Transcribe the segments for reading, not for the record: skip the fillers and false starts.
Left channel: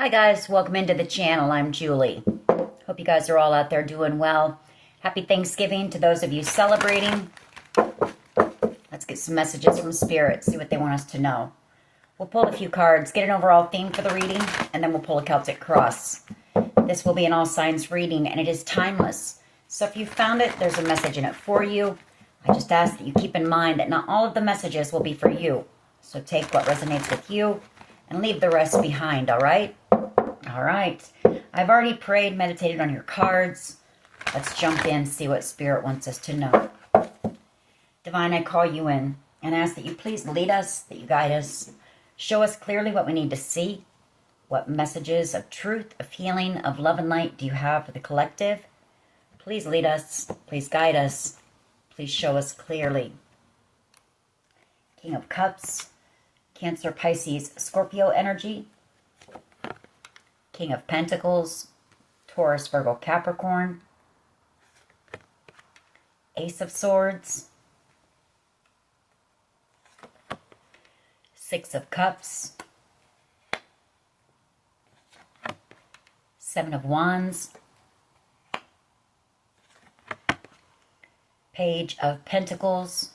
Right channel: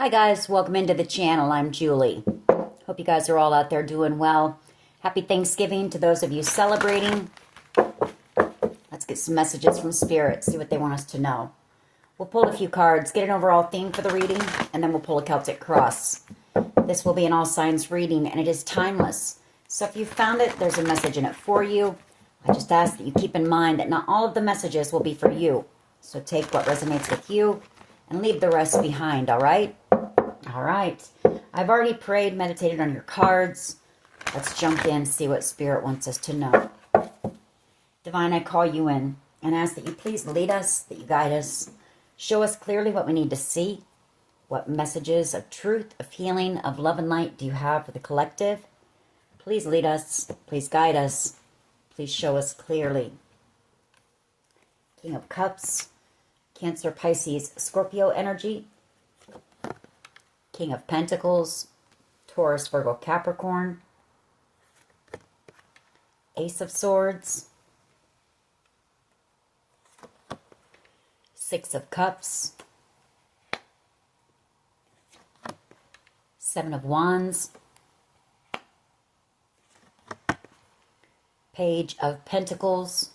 Hi guys, welcome into the channel. I'm Julie. Hope you guys are all out there doing well. Happy Thanksgiving to those of you celebrating. Let's get some messages from Spirit, see what they want us to know. We'll pull a few cards, get an overall theme for the reading, and then we'll pull a Celtic cross. This will be an all signs reading, and it is timeless. So if you found it, there's a message in it for you. I just ask that you keep in mind that not all of the messages will be for you. So take what resonates with you and leave the rest behind, all right? All right. I've already prayed, meditated on your cards. Let's jump in, see what Spirit wants us to know. Divine, I call you in and ask that you please lead us, that you guide us. Show us clearly what we need to see. What messages of truth, of healing, of love and light do you have for the collective? Please lead us. Please guide us. Please show us clearly. King of Cups, Cancer, Pisces, Scorpio energy. King of Pentacles, Taurus, Virgo, Capricorn. Ace of Swords. Six of Cups. Seven of Wands. Page of Pentacles.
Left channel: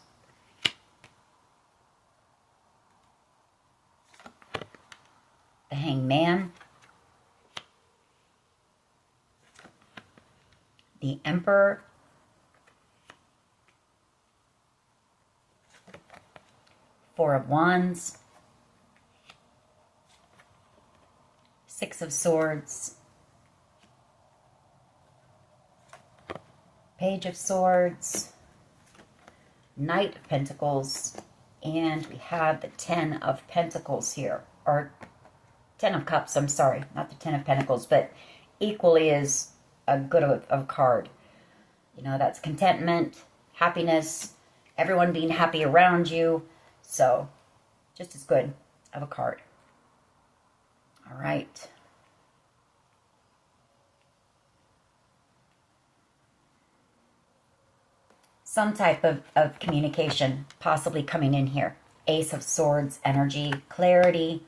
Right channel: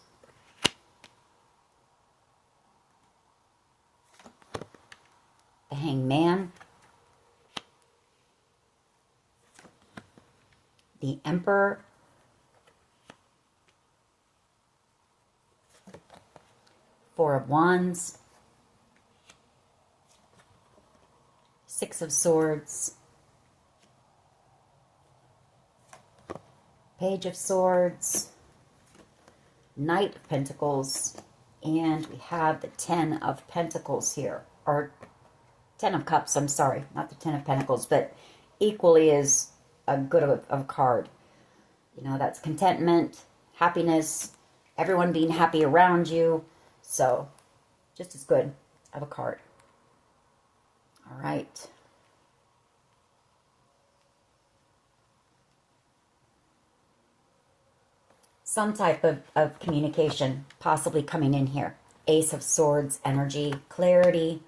The Hanged Man. The Emperor. Four of Wands. Six of Swords. Page of Swords. Knight of Pentacles. And we have the Ten of Pentacles here. Or Ten of Cups, I'm sorry. Not the Ten of Pentacles, but equally as a good of a card. You know, that's contentment, happiness, everyone being happy around you. So, just as good of a card. All right. Some type of communication possibly coming in here. Ace of Swords energy, clarity,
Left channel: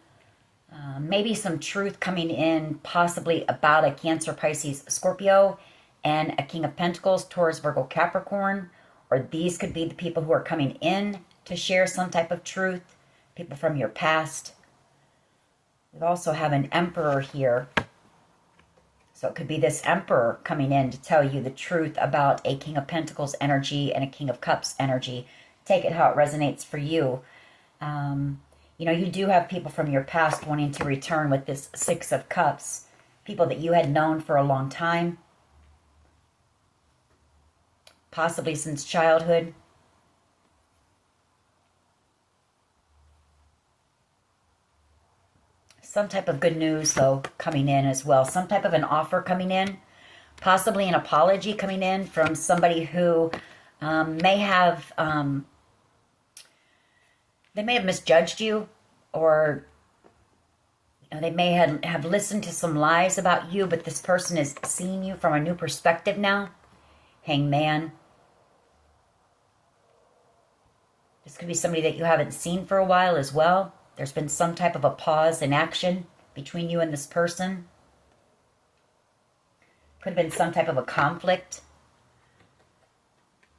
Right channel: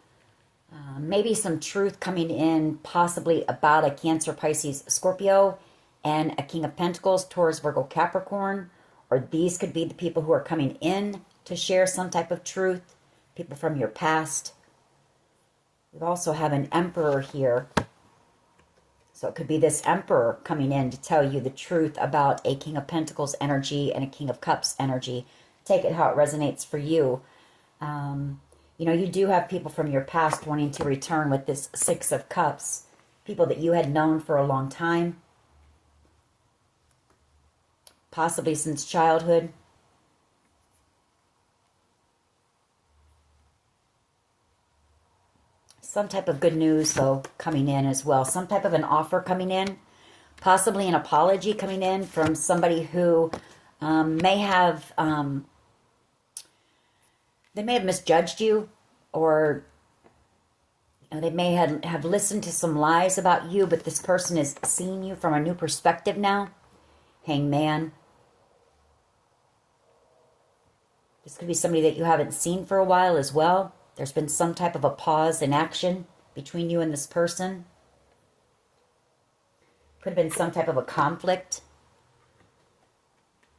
maybe some truth coming in possibly about a Cancer, Pisces, Scorpio, and a King of Pentacles, Taurus, Virgo, Capricorn. Or these could be the people who are coming in to share some type of truth, people from your past. We also have an Emperor here. So it could be this Emperor coming in to tell you the truth about a King of Pentacles energy and a King of Cups energy. Take it how it resonates for you. You know, you do have people from your past wanting to return with this Six of Cups. People that you had known for a long time. Possibly since childhood. Some type of good news, though, coming in as well. Some type of an offer coming in. Possibly an apology coming in from somebody who may have misjudged you, or you know, they may have listened to some lies about you, but this person is seeing you from a new perspective now. Hanged Man. This could be somebody that you haven't seen for a while as well. There's been some type of a pause in action between you and this person. Could have been some type of a conflict.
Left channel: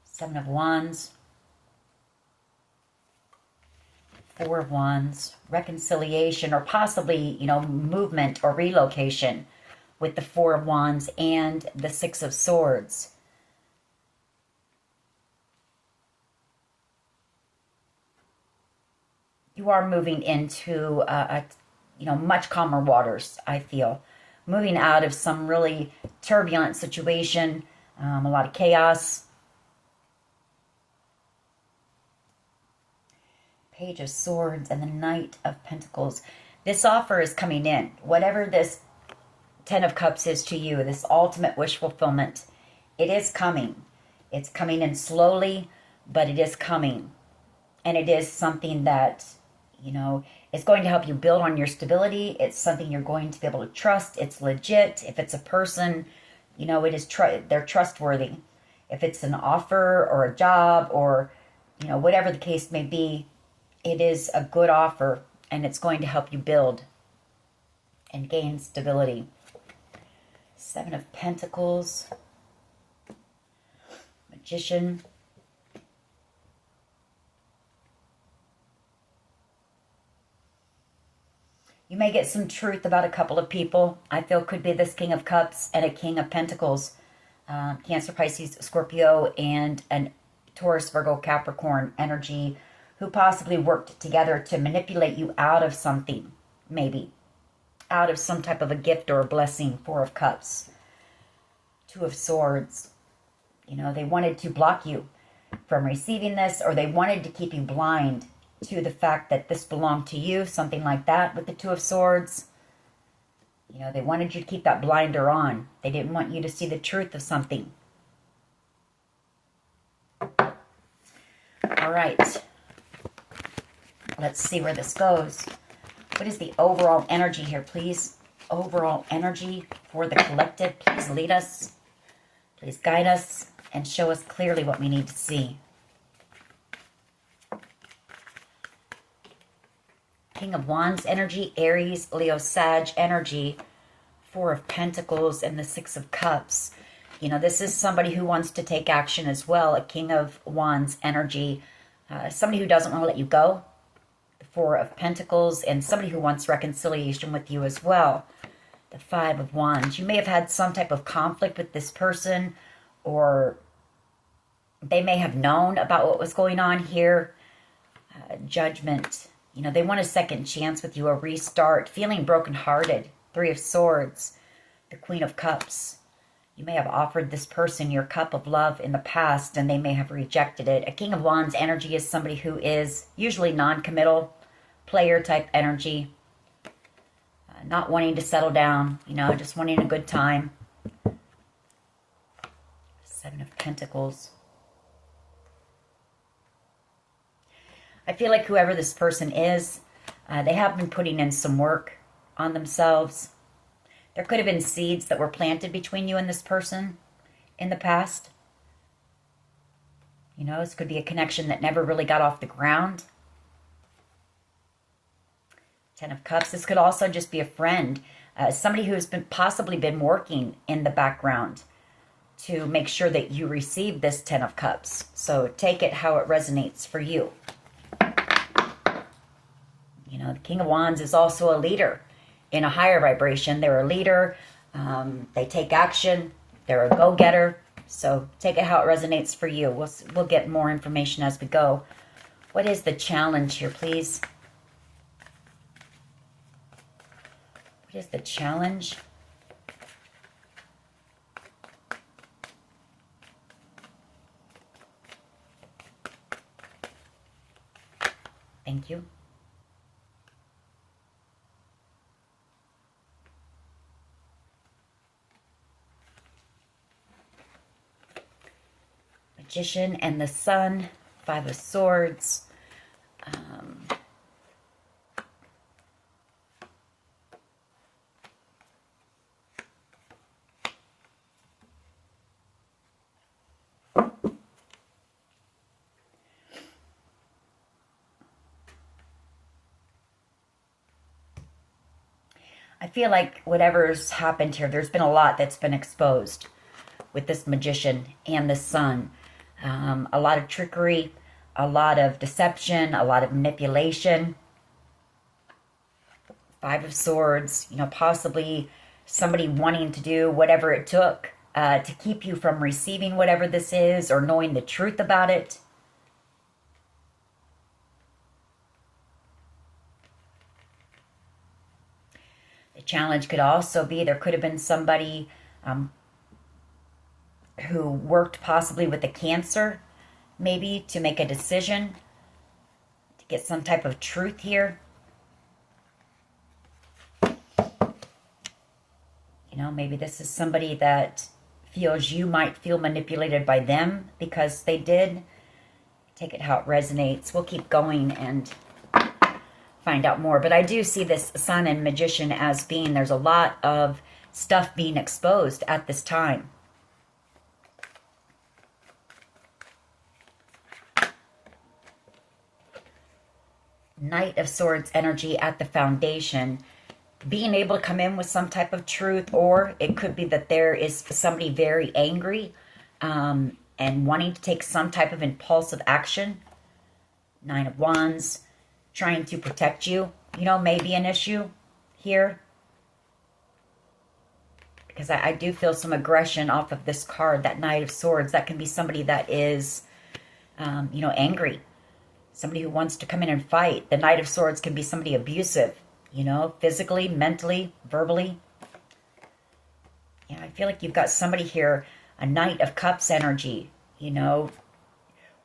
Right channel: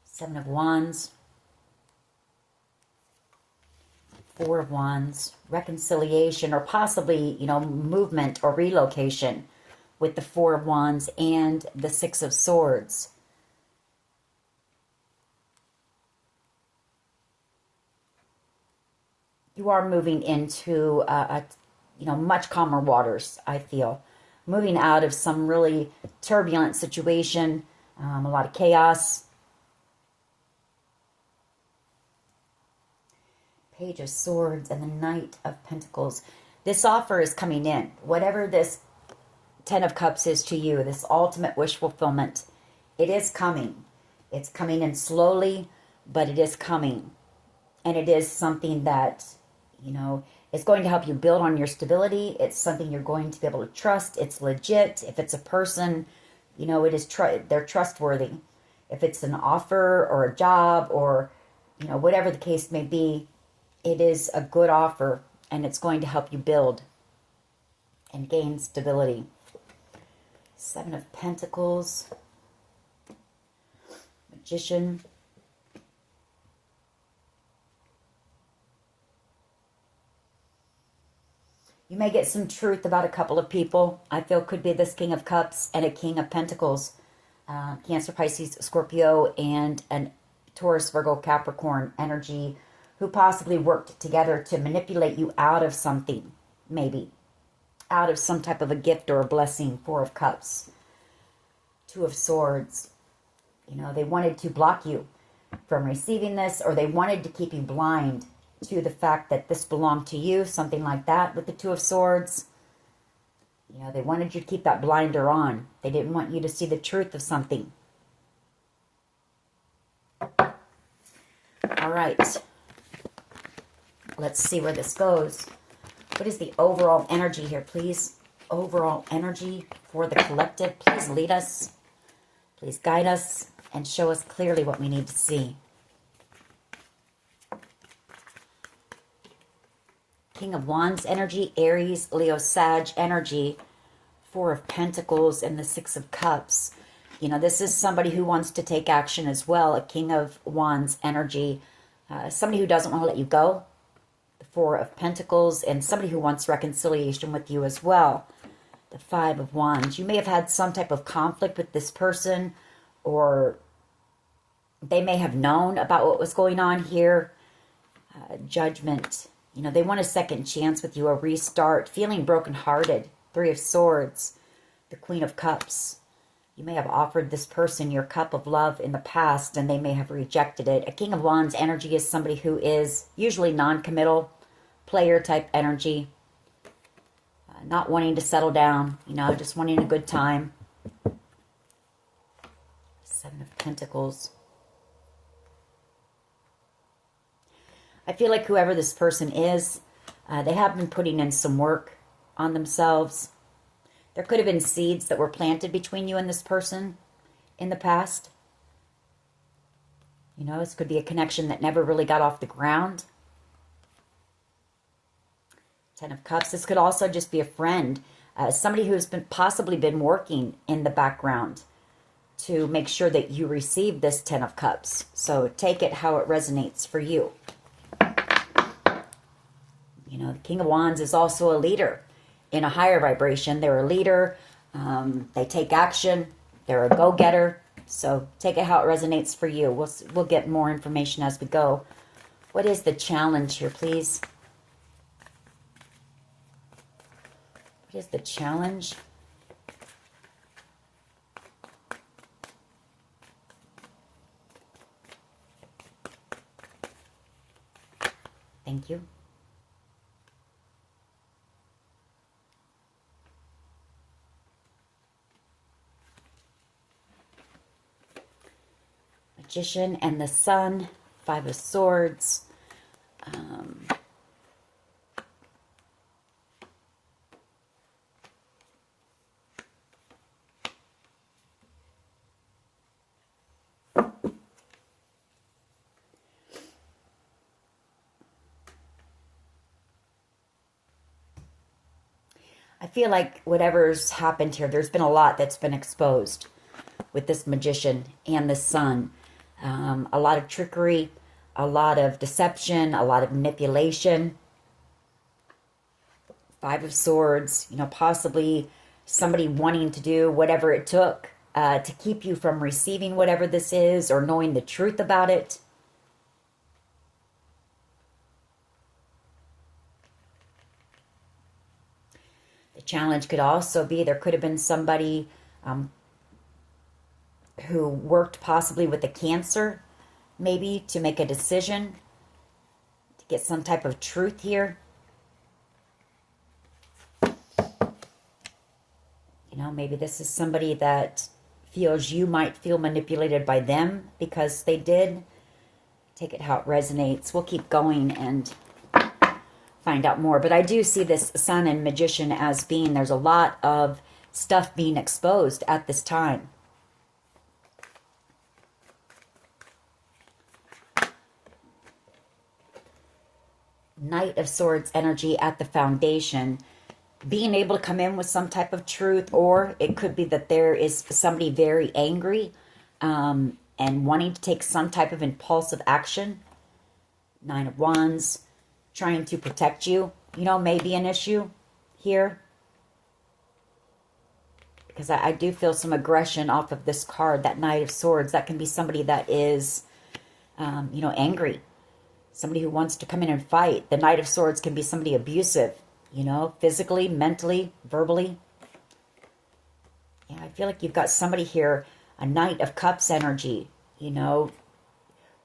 Seven of Wands. Four of Wands. Reconciliation, or possibly, you know, movement or relocation with the Four of Wands and the Six of Swords. You are moving into you know, much calmer waters, I feel. Moving out of some really turbulent situation, a lot of chaos. Page of Swords and the Knight of Pentacles. This offer is coming in. Whatever this Ten of Cups is to you, this ultimate wish fulfillment, it is coming. It's coming in slowly, but it is coming. And it is something that, you know, it's going to help you build on your stability. It's something you're going to be able to trust. It's legit. If it's a person, you know, it is they're trustworthy. If it's an offer or a job or, you know, whatever the case may be, it is a good offer and it's going to help you build. and gain stability. Seven of Pentacles, Magician, you may get some truth about a couple of people. I feel could be this King of Cups and a King of Pentacles. Cancer, Pisces, Scorpio, and an Taurus, Virgo, Capricorn energy who possibly worked together to manipulate you out of something, maybe. Out of some type of a gift or a blessing. Four of Cups. Two of Swords. You know, they wanted to block you from receiving this, or they wanted to keep you blind to the fact that this belonged to you, something like that with the Two of Swords. You know, they wanted you to keep that blinder on. They didn't want you to see the truth of something. All right. Let's see where this goes. What is the overall energy here, please? Overall energy for the collective. Please lead us. Please guide us and show us clearly what we need to see. King of Wands energy, Aries, Leo, Sag energy, Four of Pentacles, and the Six of Cups. You know, this is somebody who wants to take action as well. A King of Wands energy, somebody who doesn't want to let you go. The Four of Pentacles, and somebody who wants reconciliation with you as well. The Five of Wands. You may have had some type of conflict with this person, or they may have known about what was going on here. Judgment. You know, they want a second chance with you, a restart, feeling brokenhearted. Three of Swords, the Queen of Cups. You may have offered this person your cup of love in the past, and they may have rejected it. A King of Wands energy is somebody who is usually non-committal, player type energy. Not wanting to settle down, you know, just wanting a good time. Seven of Pentacles. I feel like whoever this person is, they have been putting in some work on themselves. There could have been seeds that were planted between you and this person in the past. You know, this could be a connection that never really got off the ground. Ten of Cups. This could also just be a friend. Somebody who's possibly been working in the background to make sure that you receive this Ten of Cups. So take it how it resonates for you. You know, the King of Wands is also a leader in a higher vibration. They're a leader. They take action. They're a go-getter. So take it how it resonates for you. We'll get more information as we go. What is the challenge here, please? What is the challenge? Thank you. Magician and the Sun, Five of Swords. I feel like whatever's happened here, there's been a lot that's been exposed with this Magician and the Sun. A lot of trickery, a lot of deception, a lot of manipulation. Five of Swords, you know, possibly somebody wanting to do whatever it took to keep you from receiving whatever this is or knowing the truth about it. The challenge could also be there could have been somebody who worked possibly with a Cancer, maybe to make a decision, to get some type of truth here. You know, maybe this is somebody that feels you might feel manipulated by them because they did. Take it how it resonates. We'll keep going and find out more. But I do see this Sun and Magician as being, there's a lot of stuff being exposed at this time. Knight of Swords energy at the foundation. being able to come in with some type of truth, or it could be that there is somebody very angry and wanting to take some type of impulsive action. 9 of Wands, trying to protect you, may be an issue here. Because I do feel some aggression off of this card, that Knight of Swords. That can be somebody that is, angry. Somebody who wants to come in and fight. The Knight of Swords can be somebody abusive, physically, mentally, verbally. Yeah, I feel like you've got somebody here, a Knight of Cups energy,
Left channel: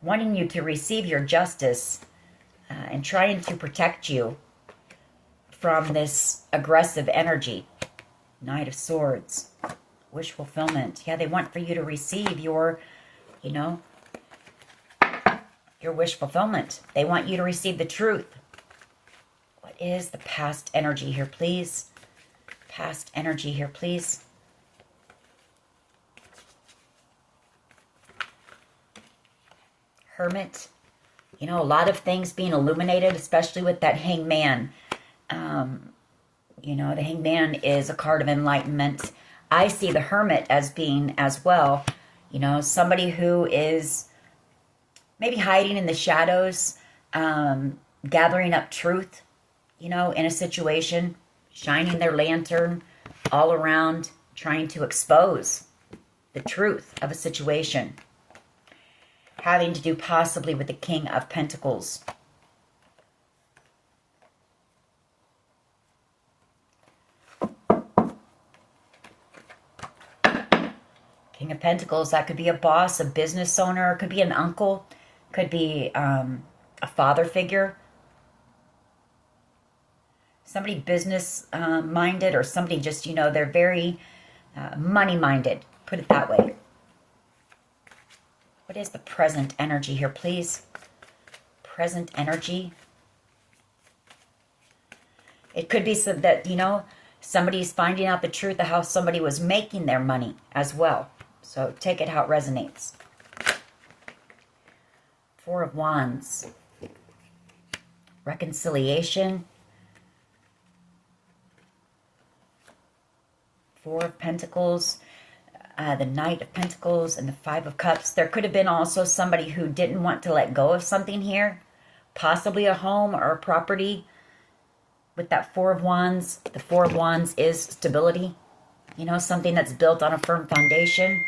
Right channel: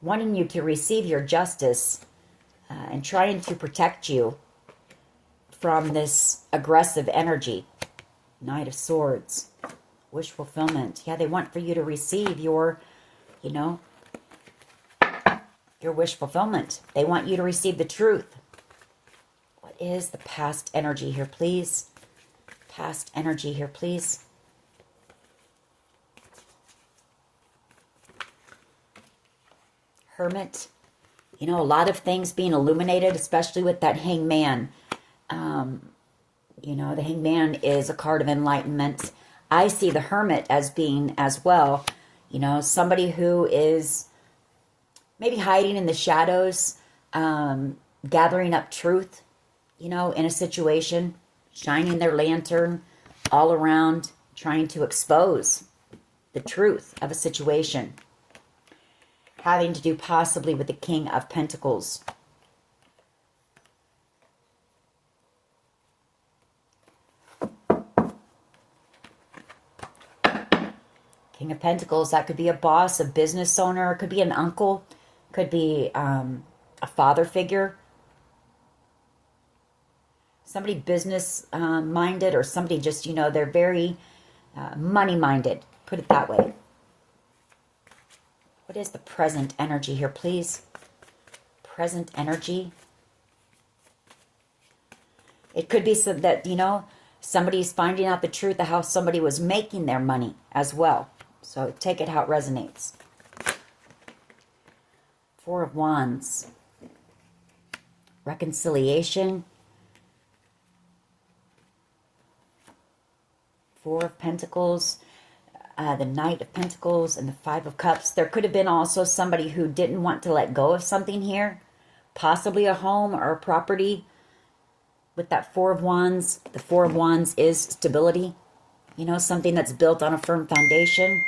wanting you to receive your justice and trying to protect you from this aggressive energy. Knight of Swords, wish fulfillment. Yeah, they want for you to receive your, your wish fulfillment. They want you to receive the truth. What is the past energy here, please? Past energy here, please. Hermit. A lot of things being illuminated, especially with that Hangman. The Hangman is a card of enlightenment. I see the Hermit as being as well, somebody who is maybe hiding in the shadows, gathering up truth, in a situation, shining their lantern all around, trying to expose the truth of a situation. Having to do possibly with the King of Pentacles. King of Pentacles, that could be a boss, a business owner, could be an uncle, could be a father figure. Somebody business minded, or somebody just, they're very money minded, put it that way. What is the present energy here, please? Present energy. It could be so that, somebody's finding out the truth of how somebody was making their money as well. So take it how it resonates. 4 of Wands. Reconciliation. 4 of Pentacles. The Knight of Pentacles and the 5 of Cups. There could have been also somebody who didn't want to let go of something here. Possibly a home or a property. With that 4 of Wands, the 4 of Wands is stability. Something that's built on a firm foundation.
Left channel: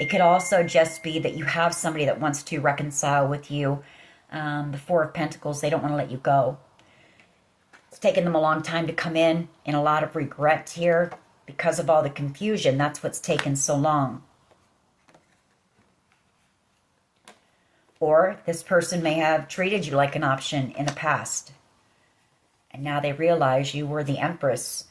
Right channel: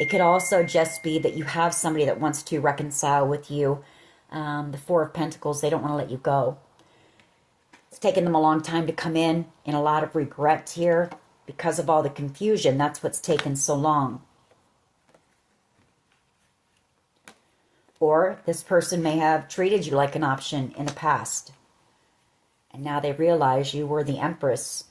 It could also just be that you have somebody that wants to reconcile with you. The 4 of Pentacles, they don't want to let you go. It's taken them a long time to come in a lot of regret here. Because of all the confusion, that's what's taken so long. Or this person may have treated you like an option in the past. And now they realize you were the Empress.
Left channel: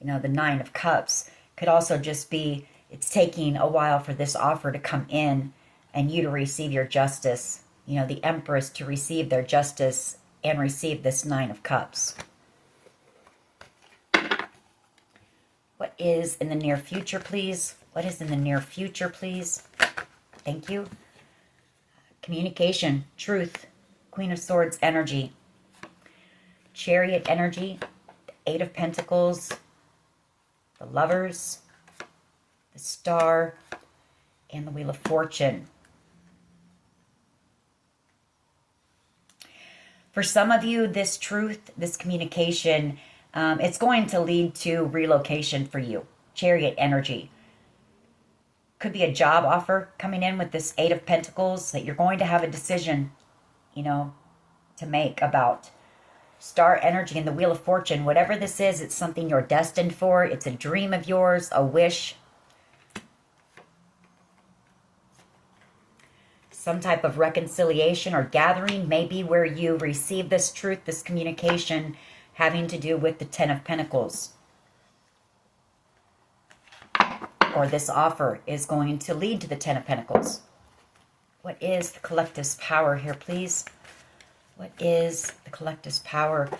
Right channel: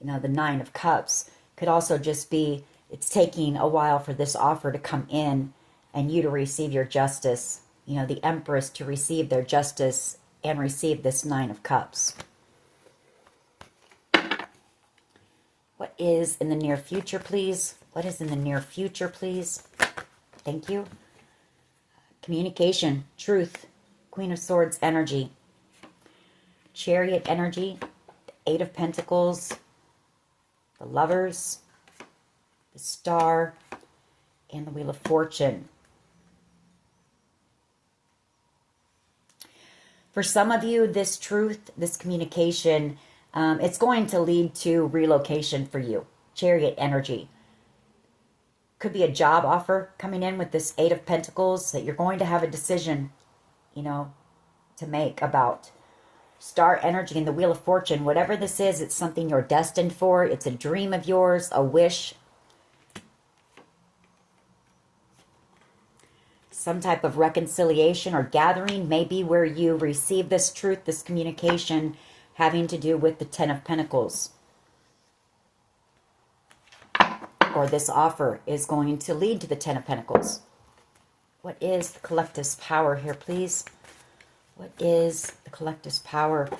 The 9 of Cups. Could also just be, it's taking a while for this offer to come in and you to receive your justice. The Empress to receive their justice and receive this 9 of Cups. What is in the near future, please? What is in the near future, please? Thank you. Communication, truth, Queen of Swords energy, Chariot energy, the 8 of Pentacles, the Lovers, the Star, and the Wheel of Fortune. For some of you, this truth, this communication, it's going to lead to relocation for you. Chariot energy. Could be a job offer coming in with this 8 of Pentacles that you're going to have a decision, to make about. Star energy and the Wheel of Fortune. Whatever this is, it's something you're destined for. It's a dream of yours, a wish. Some type of reconciliation or gathering, maybe where you receive this truth, this communication, having to do with the 10 of Pentacles. Or this offer is going to lead to the 10 of Pentacles. What is the collective's power here, please? What is the collective's power?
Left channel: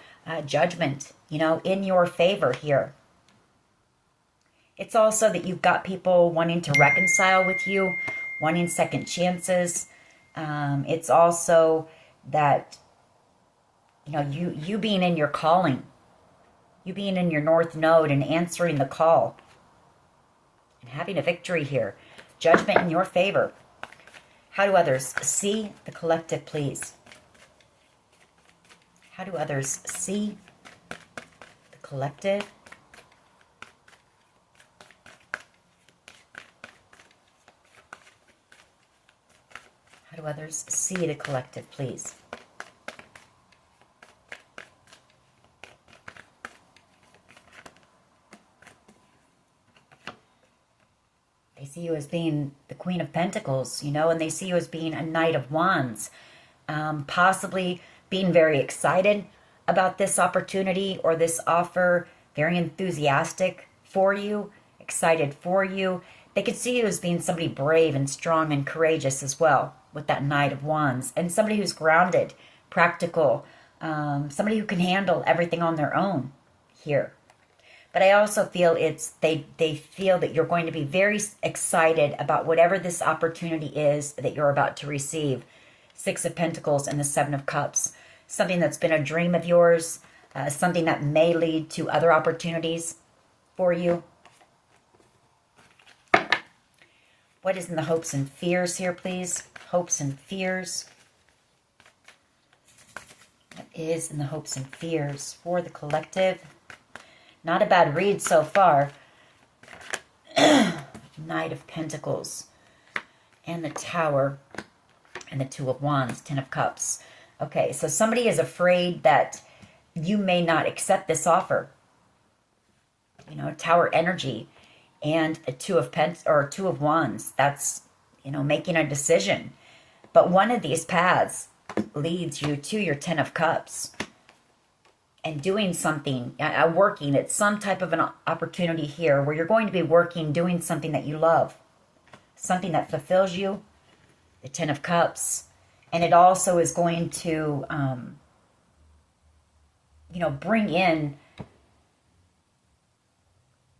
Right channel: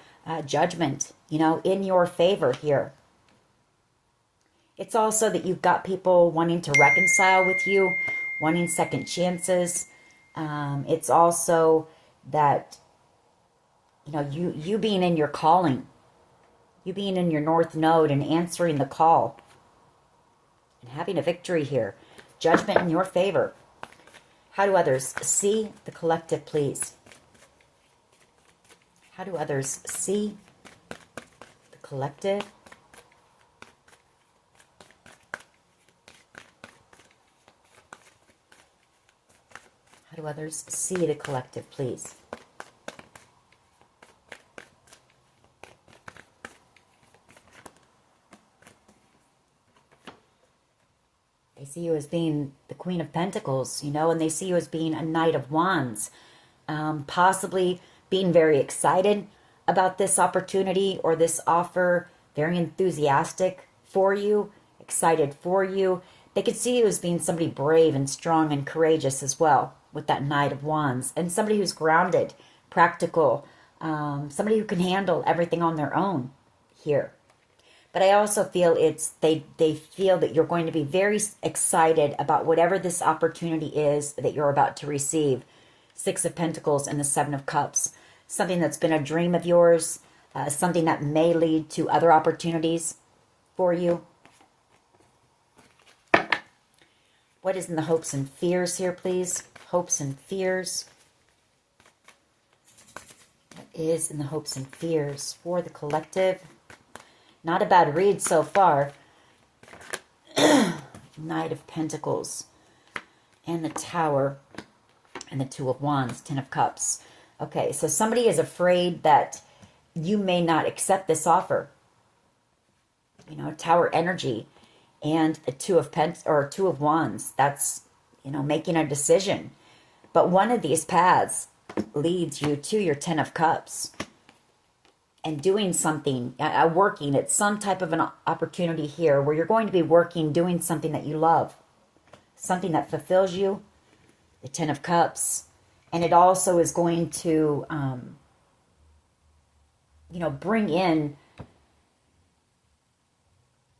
Judgment, in your favor here. It's also that you've got people wanting to reconcile with you, wanting second chances. It's also that, you being in your calling, You being in your North Node and answering the call. And having a victory here. Judgment in your favor. How do others see the collective, please? How do others see the collective? How do others see the collective, please? They see you as being the Queen of Pentacles, you know, and they see you as being a Knight of Wands. Possibly being very excited about this opportunity or this offer, very enthusiastic for you, excited for you. They could see you as being somebody brave and strong and courageous as well, with that Knight of Wands, and somebody who's grounded, practical, somebody who can handle everything on their own here. But I also feel they feel that you're going to be very excited about whatever this opportunity is that you're about to receive. Six of Pentacles and the Seven of Cups. Something that's been a dream of yours, something that may lead to other opportunities for you. What is in the hopes and fears here, please? Hopes and fears. What is in the hopes and fears for the collective? Not a bad read so far. Knight of Pentacles and the Tower and the Two of Wands, Ten of Cups. Okay, so somebody is afraid that you may not accept this offer. You know, Tower energy and a Two of Wands. That's, you know, making a decision. But one of these paths leads you to your Ten of Cups. And doing something, working, it's some type of an opportunity here where you're going to be working, doing something that you love. Something that fulfills you, the Ten of Cups. And it also is going to, you know, bring in,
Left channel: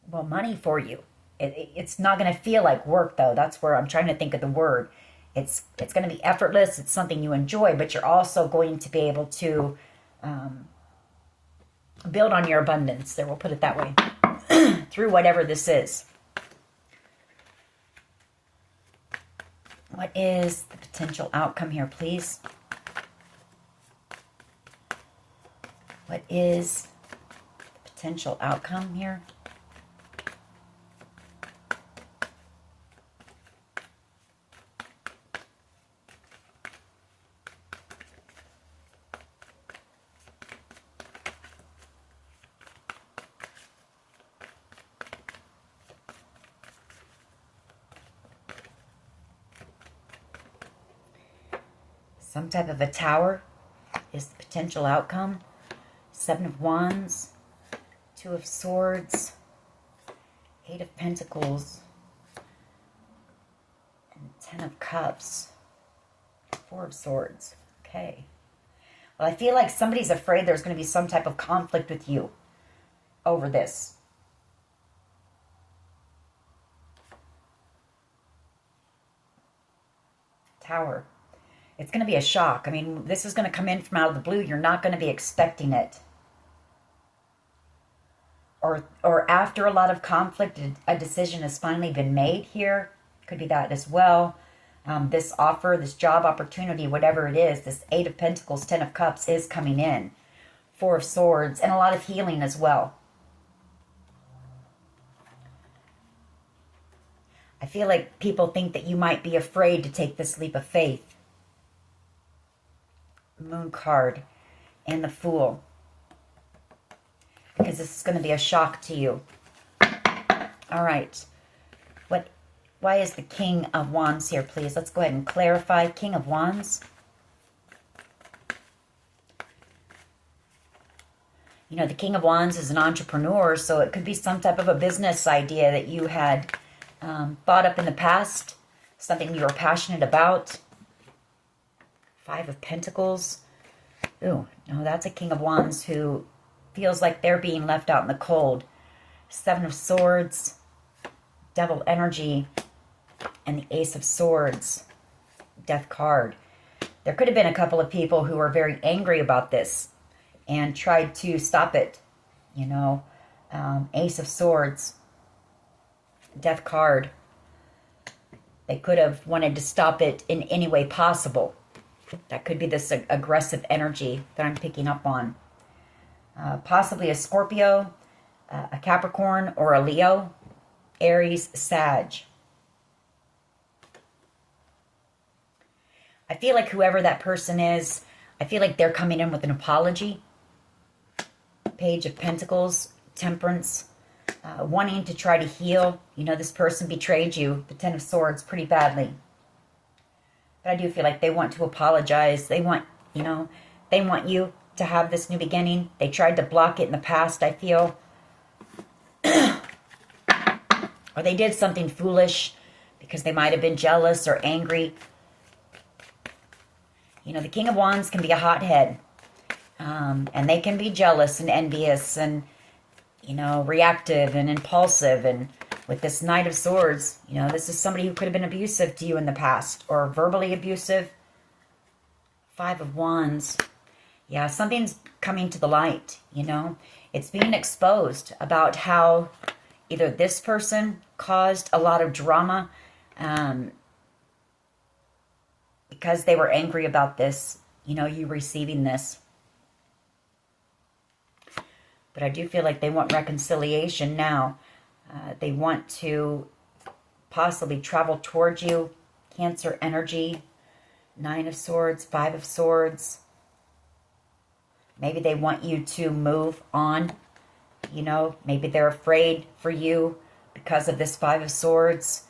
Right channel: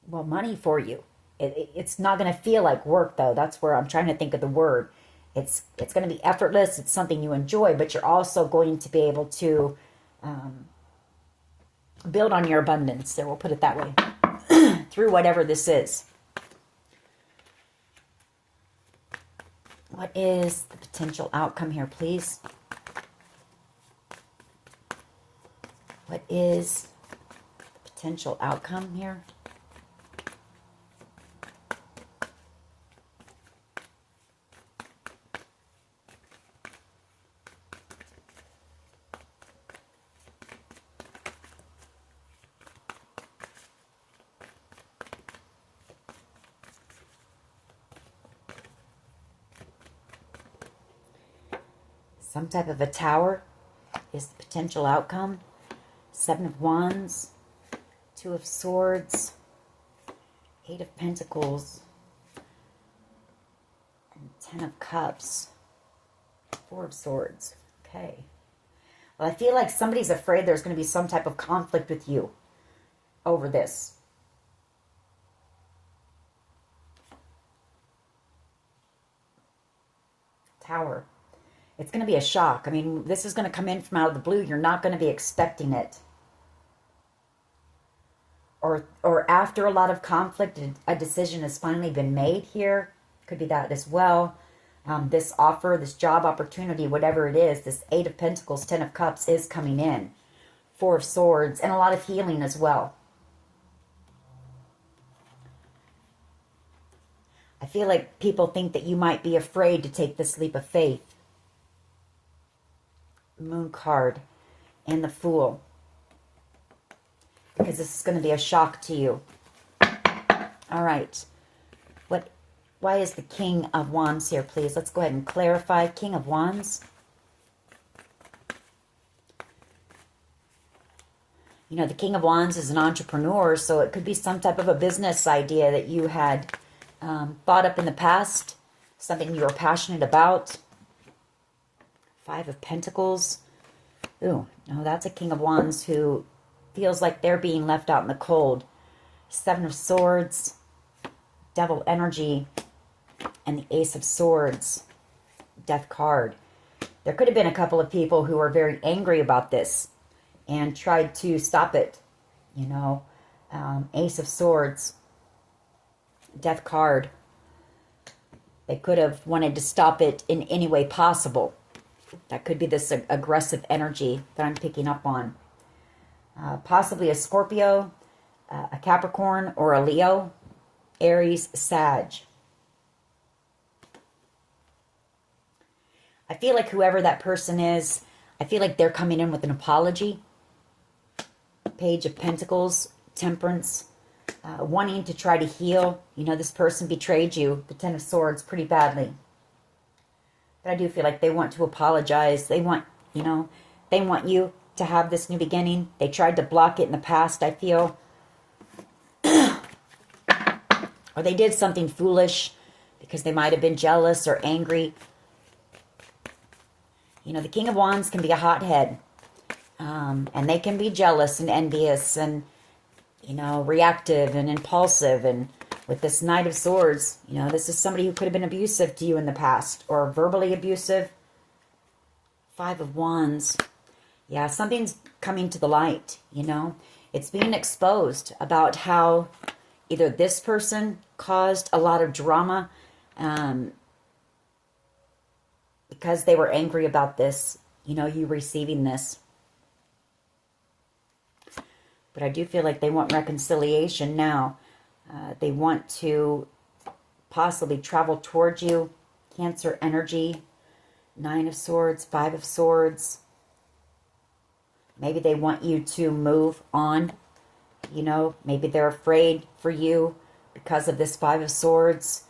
well, money for you. It's not going to feel like work, though. That's where I'm trying to think of the word. It's going to be effortless. It's something you enjoy, but you're also going to be able to build on your abundance. There, we'll put it that way. Through whatever this is. What is the potential outcome here, please? What is the potential outcome here? Some type of a tower is the potential outcome. Seven of Wands, Two of Swords, Eight of Pentacles, and Ten of Cups, Four of Swords. Okay. Well, I feel like somebody's afraid there's going to be some type of conflict with you over this. Tower. It's going to be a shock. I mean, this is going to come in from out of the blue. You're not going to be expecting it. Or after a lot of conflict, a decision has finally been made here. Could be that as well. This offer, this job opportunity, whatever it is, this Eight of Pentacles, Ten of Cups is coming in. Four of Swords, and a lot of healing as well. I feel like people think that you might be afraid to take this leap of faith. Moon card and the Fool, because this is going to be a shock to you. All right, why is the King of Wands here, please? Let's go ahead and clarify. King of Wands, you know, the King of Wands is an entrepreneur, so it could be some type of a business idea that you had thought up in the past, something you were passionate about. Five of Pentacles. Ooh, no, that's a King of Wands who feels like they're being left out in the cold. Seven of Swords, Devil energy, and the Ace of Swords, Death card. There could have been a couple of people who were very angry about this and tried to stop it. you know. Ace of Swords, Death card. They could have wanted to stop it in any way possible. That could be this aggressive energy that I'm picking up on. Possibly a Scorpio, a Capricorn, or a Leo, Aries, Sag. I feel like whoever that person is, I feel like they're coming in with an apology. Page of Pentacles, Temperance, wanting to try to heal. You know, this person betrayed you, the Ten of Swords, pretty badly. But I do feel like they want to apologize. They want, you know, they want you to have this new beginning. They tried to block it in the past, I feel. Or they did something foolish because they might have been jealous or angry. You know, the King of Wands can be a hothead. And they can be jealous and envious and, you know, reactive and impulsive. And with this Knight of Swords, you know, this is somebody who could have been abusive to you in the past or verbally abusive. Five of Wands. Yeah, something's coming to the light, you know. It's being exposed about how either this person caused a lot of drama because they were angry about this, you know, you receiving this. But I do feel like they want reconciliation now. They want to possibly travel towards you. Cancer energy. Nine of Swords, Five of Swords. Maybe they want you to move on. You know, maybe they're afraid for you because of this Five of Swords.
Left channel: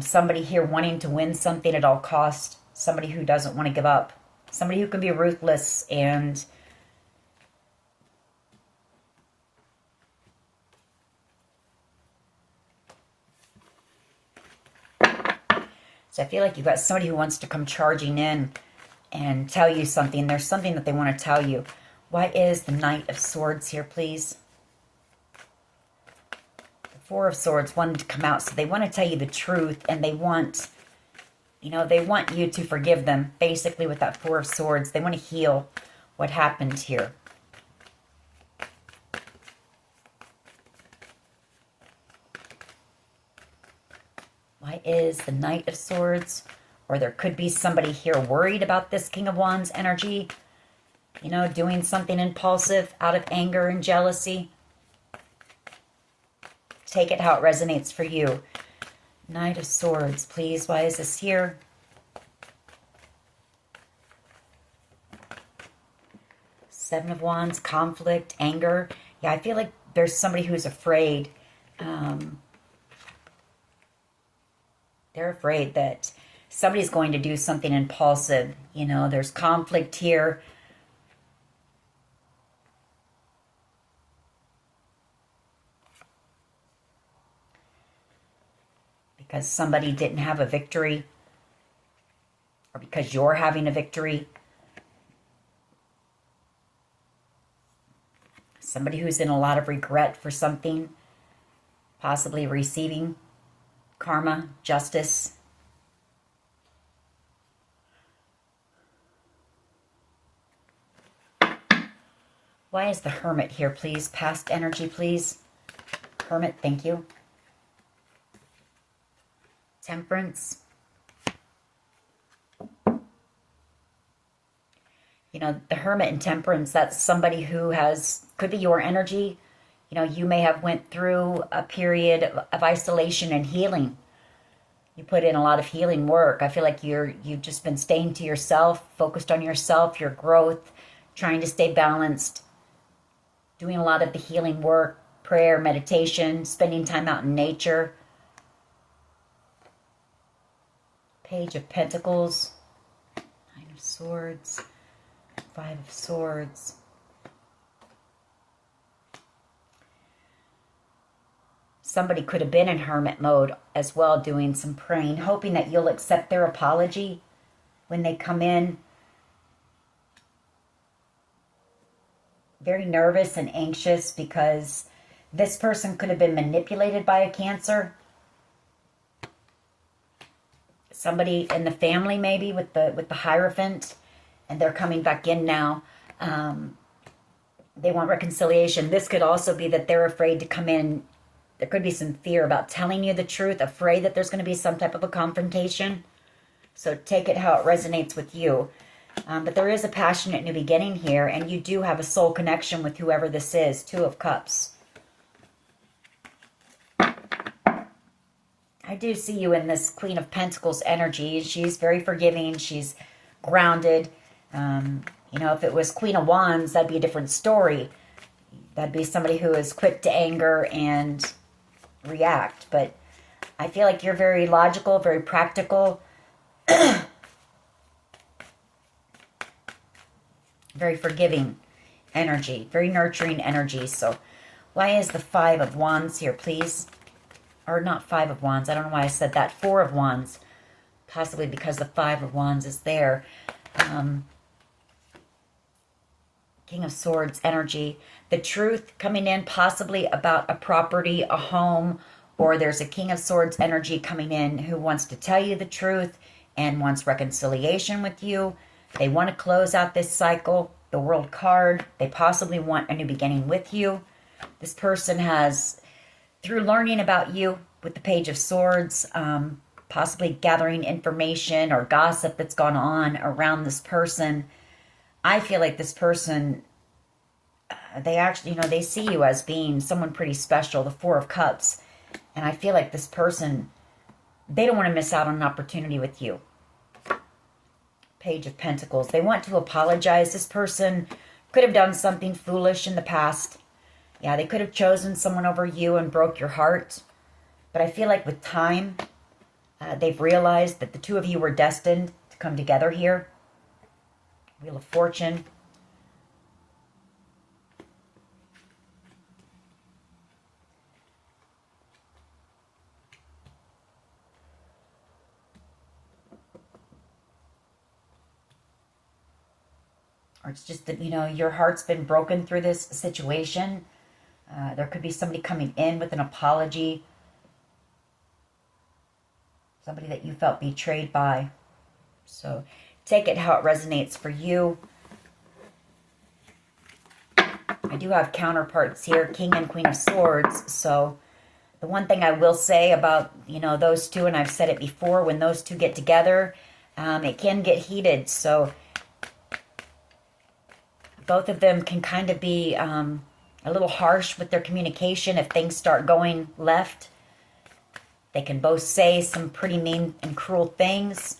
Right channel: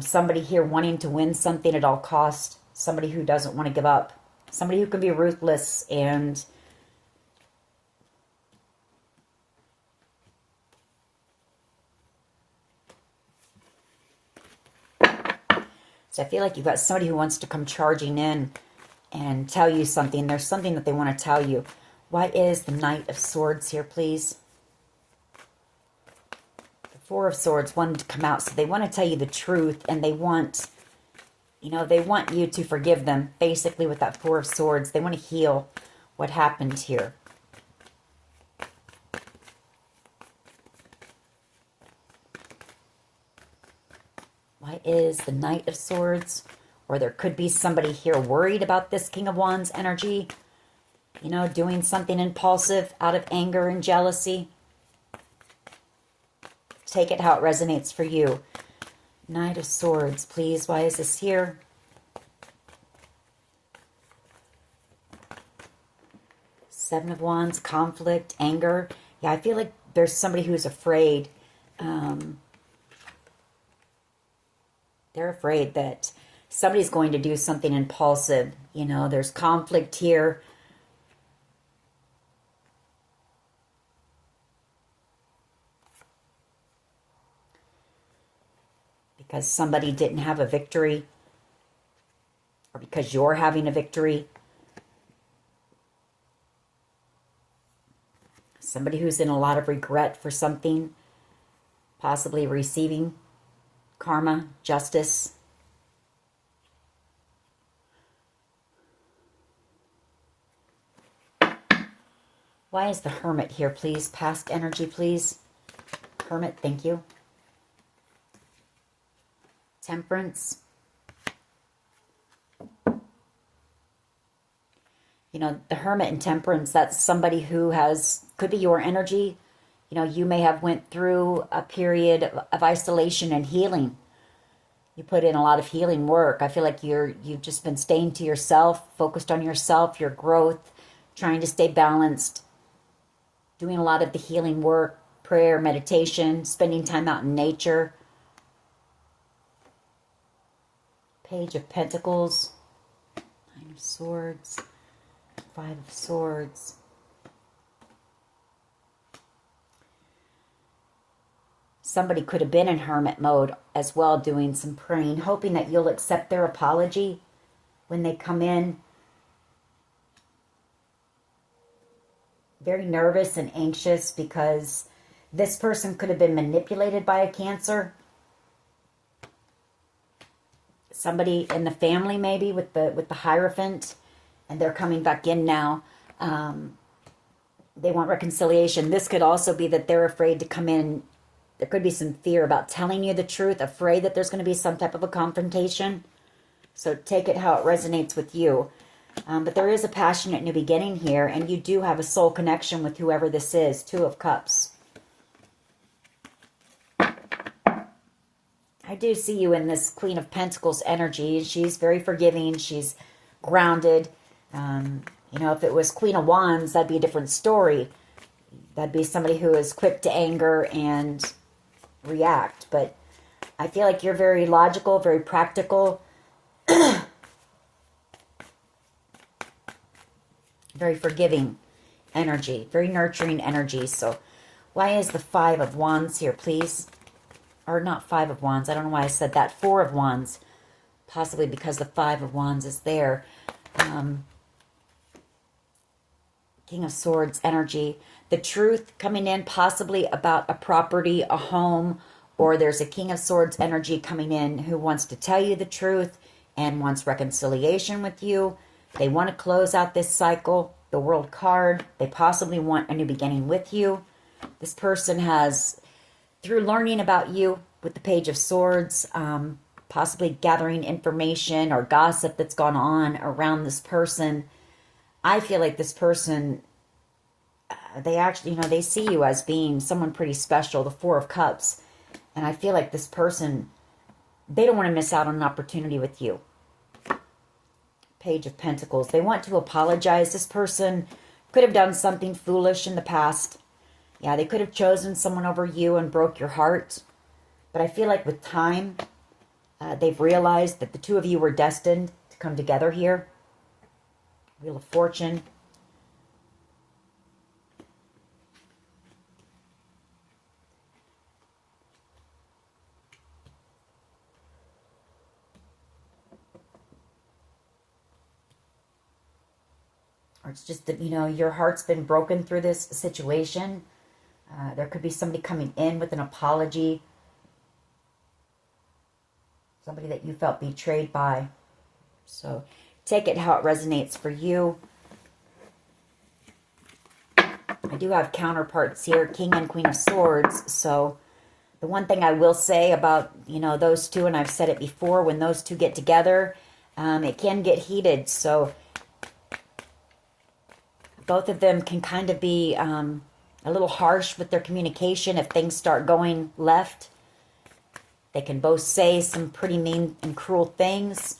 Somebody here wanting to win something at all costs. Somebody who doesn't want to give up. Somebody who can be ruthless and so I feel like you've got somebody who wants to come charging in and tell you something. There's something that they want to tell you. Why is the Knight of Swords here, please? The Four of Swords wanted to come out. So they want to tell you the truth. And they want, you know, they want you to forgive them. Basically with that Four of Swords. They want to heal what happened here. Why is the Knight of Swords? Or there could be somebody here worried about this King of Wands energy. You know, doing something impulsive out of anger and jealousy. Take it how it resonates for you. Knight of Swords, please. Why is this here? Seven of Wands, conflict, anger. Yeah, I feel like there's somebody who's afraid. They're afraid that somebody's going to do something impulsive. You know, there's conflict here. Because somebody didn't have a victory. Or because you're having a victory. Somebody who's in a lot of regret for something. Possibly receiving karma, justice. Why is the Hermit here, please? Past energy, please. Hermit, thank you. Temperance. You know, the Hermit and Temperance, that's somebody who could be your energy. You know, you may have went through a period of isolation and healing. You put in a lot of healing work. I feel like you've just been staying to yourself, focused on yourself, your growth, trying to stay balanced, doing a lot of the healing work, prayer, meditation, spending time out in nature. Page of Pentacles, Nine of Swords, Five of Swords. Somebody could have been in hermit mode as well, doing some praying, hoping that you'll accept their apology when they come in. Very nervous and anxious because this person could have been manipulated by a Cancer. Somebody in the family maybe with the Hierophant, and they're coming back in now. They want reconciliation. This could also be that they're afraid to come in. There could be some fear about telling you the truth, afraid that there's going to be some type of a confrontation. So take it how it resonates with you. But there is a passionate new beginning here, and you do have a soul connection with whoever this is. Two of Cups. I do see you in this Queen of Pentacles energy. She's very forgiving. She's grounded. You know, if it was Queen of Wands, that'd be a different story. That'd be somebody who is quick to anger and react. But I feel like you're very logical, very practical. Very forgiving energy. Very nurturing energy. So why is the Five of Wands here, please? Or not Five of Wands. I don't know why I said that. Four of Wands. Possibly because the Five of Wands is there. King of Swords energy. The truth coming in possibly about a property, a home, or there's a King of Swords energy coming in who wants to tell you the truth and wants reconciliation with you. They want to close out this cycle. The World card. They possibly want a new beginning with you. This person has, through learning about you with the Page of Swords, possibly gathering information or gossip that's gone on around this person. I feel like this person, they actually, you know, they see you as being someone pretty special, the Four of Cups. And I feel like this person, they don't want to miss out on an opportunity with you. Page of Pentacles. They want to apologize. This person could have done something foolish in the past. Yeah, they could have chosen someone over you and broke your heart. But I feel like with time, they've realized that the two of you were destined to come together here. Wheel of Fortune. Or it's just that, you know, your heart's been broken through this situation. There could be somebody coming in with an apology. Somebody that you felt betrayed by. So take it how it resonates for you. I do have counterparts here, King and Queen of Swords. So the one thing I will say about, you know, those two, and I've said it before, when those two get together, it can get heated. So both of them can kind of be a little harsh with their communication if things start going left. They can both say some pretty mean and cruel things.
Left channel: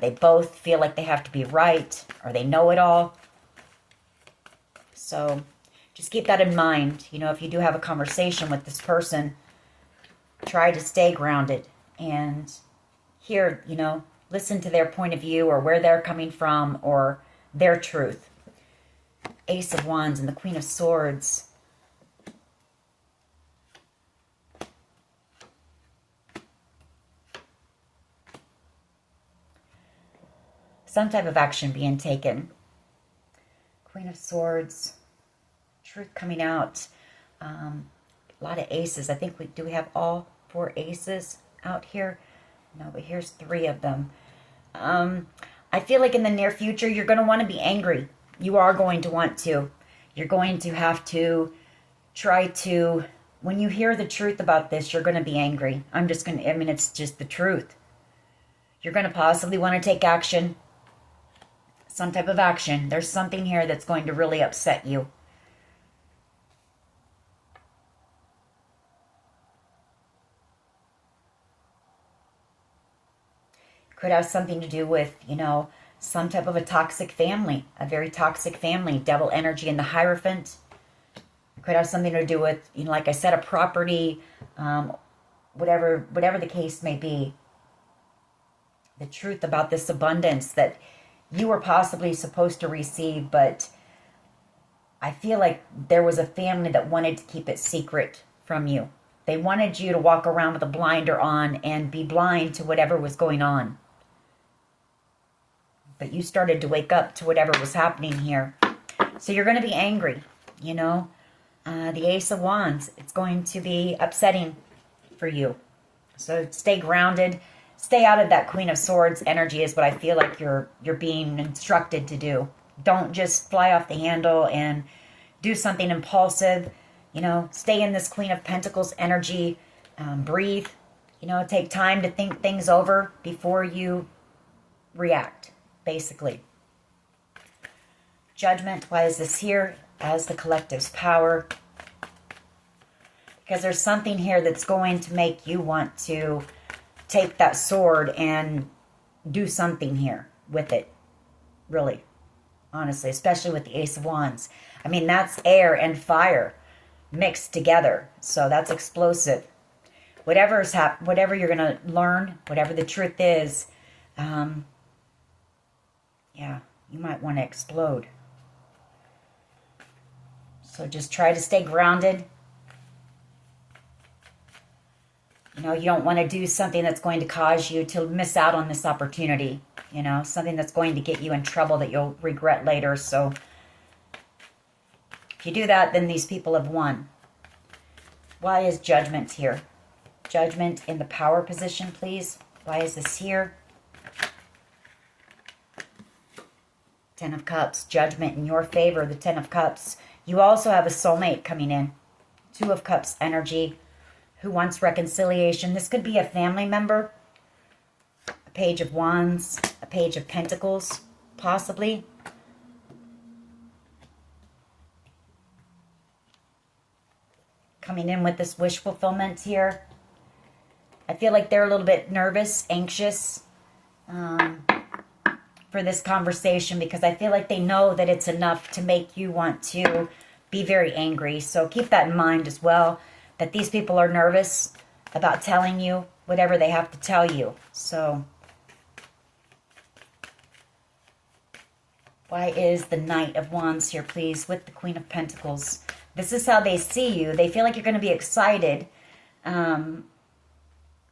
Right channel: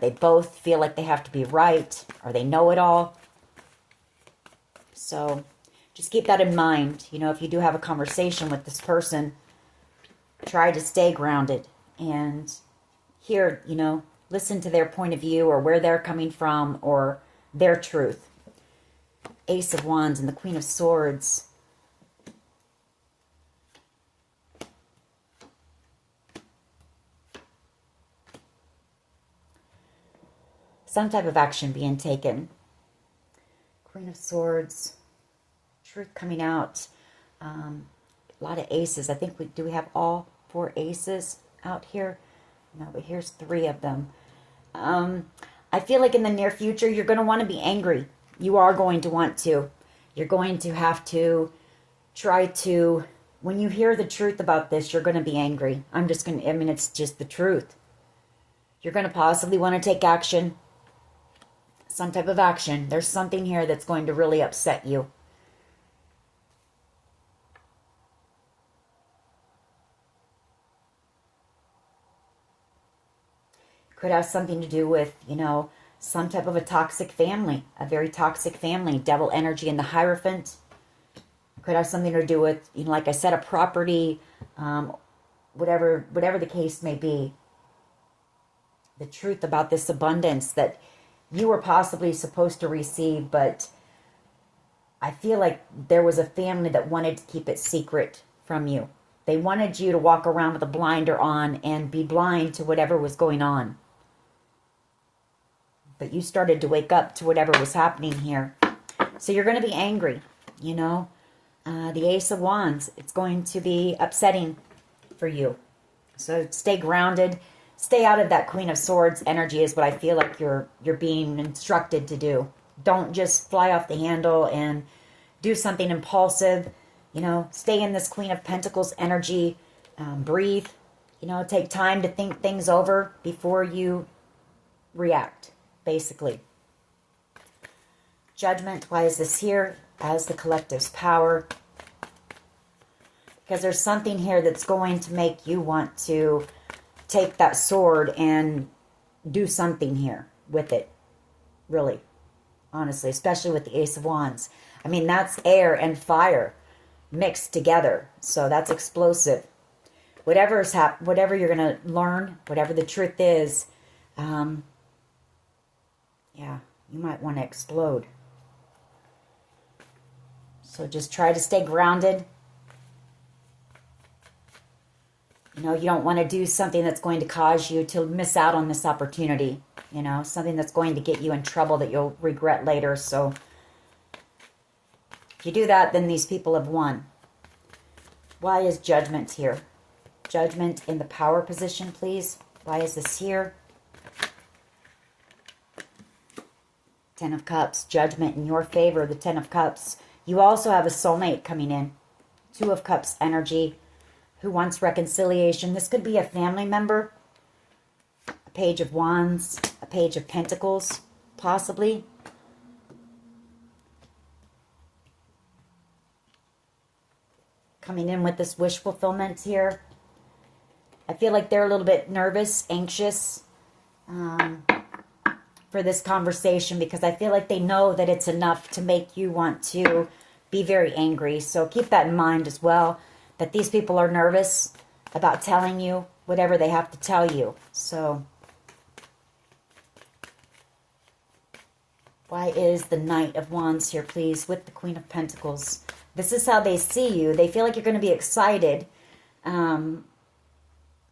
They both feel like they have to be right, or they know it all. So just keep that in mind. You know, if you do have a conversation with this person, try to stay grounded and hear, you know, listen to their point of view or where they're coming from or their truth. Ace of Wands and the Queen of Swords. Some type of action being taken. Queen of Swords. Truth coming out. A lot of aces. I think we have all 4 aces out here. No, but here's 3 of them. I feel like in the near future, you're going to want to be angry. You are going to want to. You're going to have to try to, when you hear the truth about this, you're going to be angry. It's just the truth. You're going to possibly want to take action. Some type of action. There's something here that's going to really upset you. Could have something to do with, you know, some type of a toxic family, a very toxic family, devil energy in the Hierophant. Could have something to do with, you know, like I said, a property, whatever the case may be. The truth about this abundance that you were possibly supposed to receive, but I feel like there was a family that wanted to keep it secret from you. They wanted you to walk around with a blinder on and be blind to whatever was going on. But you started to wake up to whatever was happening here. So you're going to be angry, you know. The Ace of Wands, it's going to be upsetting for you. So stay grounded. Stay out of that Queen of Swords energy is what I feel like you're being instructed to do. Don't just fly off the handle and do something impulsive. You know, stay in this Queen of Pentacles energy. Breathe. You know, take time to think things over before you react, basically. Judgment. Why is this here? As the collective's power. Because there's something here that's going to make you want to take that sword and do something here with it. Really. Honestly. Especially with the Ace of Wands. I mean, that's air and fire mixed together. So that's explosive. Whatever you're going to learn, whatever the truth is, yeah, you might want to explode. So just try to stay grounded. You know, you don't want to do something that's going to cause you to miss out on this opportunity. You know, something that's going to get you in trouble that you'll regret later. So if you do that, then these people have won. Why is Judgment here? Judgment in the power position, please. Why is this here? Ten of Cups, Judgment in your favor, the Ten of Cups. You also have a soulmate coming in. Two of Cups energy. Who wants reconciliation? This could be a family member. A Page of Wands. A Page of Pentacles, possibly. Coming in with this wish fulfillment here. I feel like they're a little bit nervous, anxious for this conversation because I feel like they know that it's enough to make you want to be very angry. So keep that in mind as well, that these people are nervous about telling you whatever they have to tell you. So why is the Knight of Wands here, please, with the Queen of Pentacles? This is how they see you. They feel like you're going to be excited.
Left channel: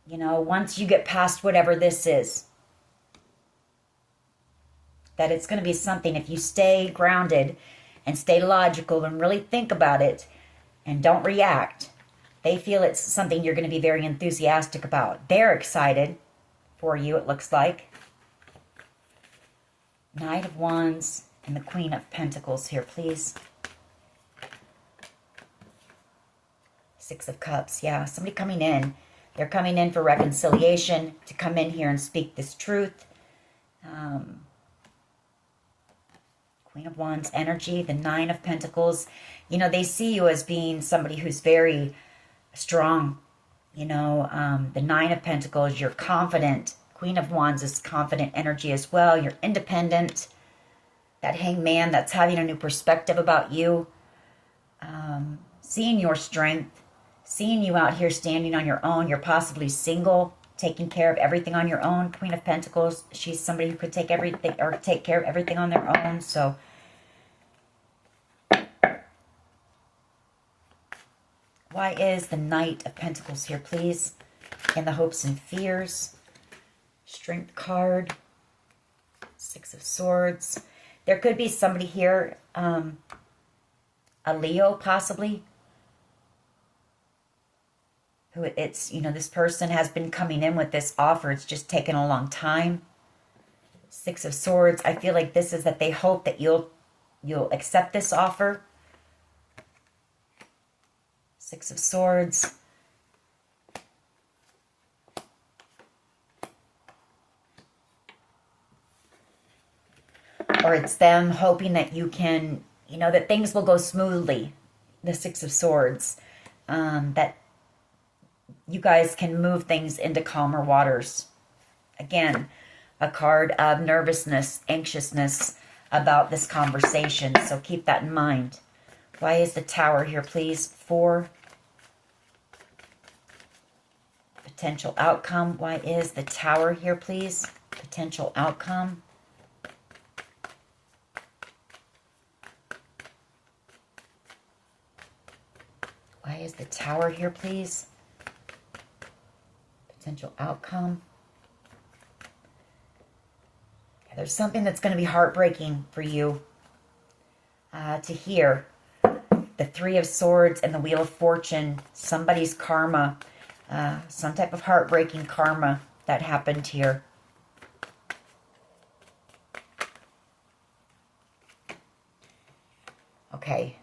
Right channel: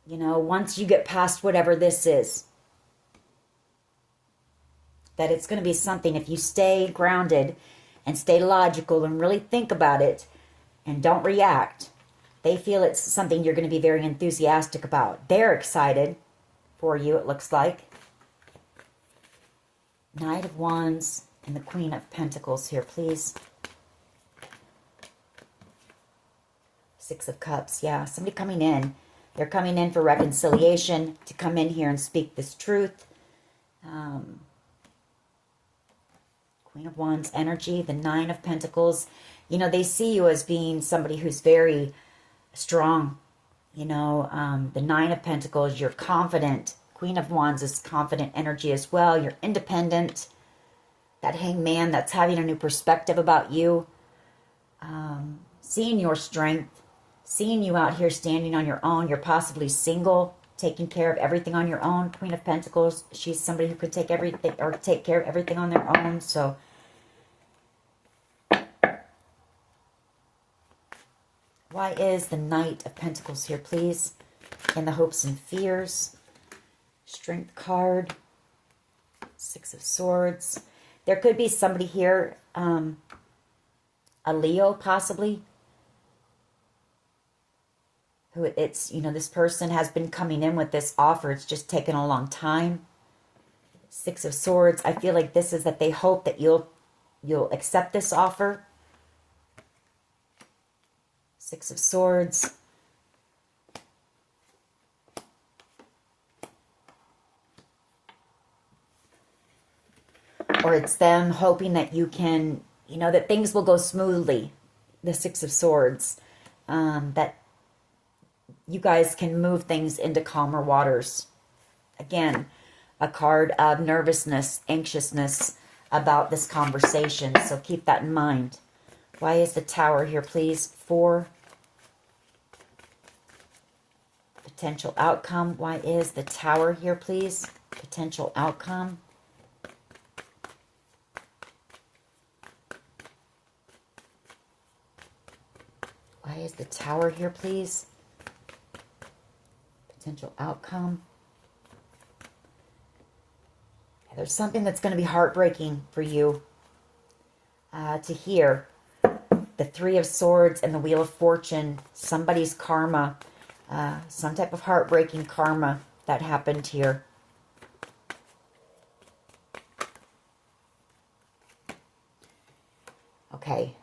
You know, once you get past whatever this is, that it's going to be something, if you stay grounded and stay logical and really think about it and don't react, they feel it's something you're going to be very enthusiastic about. They're excited for you, it looks like. Knight of Wands and the Queen of Pentacles here, please. Six of Cups, yeah, somebody coming in. They're coming in for reconciliation, to come in here and speak this truth. Queen of Wands energy, the Nine of Pentacles. You know, they see you as being somebody who's very strong. You know, the Nine of Pentacles, you're confident. Queen of Wands is confident energy as well. You're independent. That Hangman that's having a new perspective about you. Seeing your strength. Seeing you out here standing on your own. You're possibly single, taking care of everything on your own. Queen of Pentacles, she's somebody who could take everything or take care of everything on their own. So why is the Knight of Pentacles here, please? In the Hopes and Fears. Strength card. Six of Swords. There could be somebody here, a Leo possibly, who it's, you know, this person has been coming in with this offer. It's just taken a long time. Six of Swords. I feel like this is that they hope that you'll accept this offer. Six of Swords. Or it's them hoping that you can, you know, that things will go smoothly. The Six of Swords. That you guys can move things into calmer waters. Again, a card of nervousness, anxiousness about this conversation. So keep that in mind. Why is the Tower here, please? For potential outcome. Why is the Tower here, please? Potential outcome. Why is the Tower here, please? Potential outcome. There's something that's going to be heartbreaking for you to hear. The Three of Swords and the Wheel of Fortune. Somebody's karma. Some type of heartbreaking karma that happened here. Okay.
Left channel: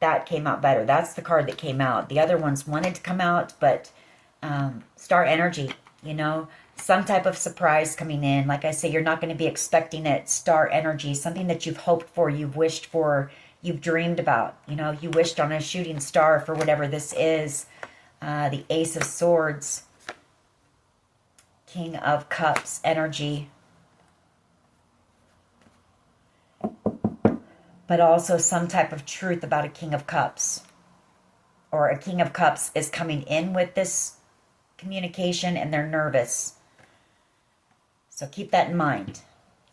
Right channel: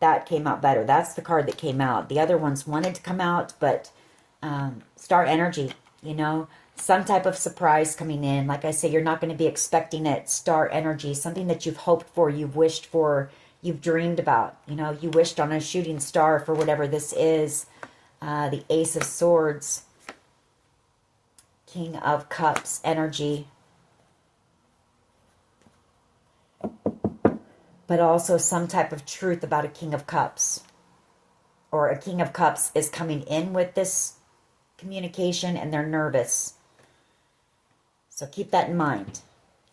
that came out better. That's the card that came out. The other ones wanted to come out, but star energy, you know, some type of surprise coming in. Like I say, you're not going to be expecting it. Star energy, something that you've hoped for, you've wished for, you've dreamed about. You know, you wished on a shooting star for whatever this is. The Ace of Swords, King of Cups energy. But also some type of truth about a King of Cups. Or a King of Cups is coming in with this communication and they're nervous. So keep that in mind.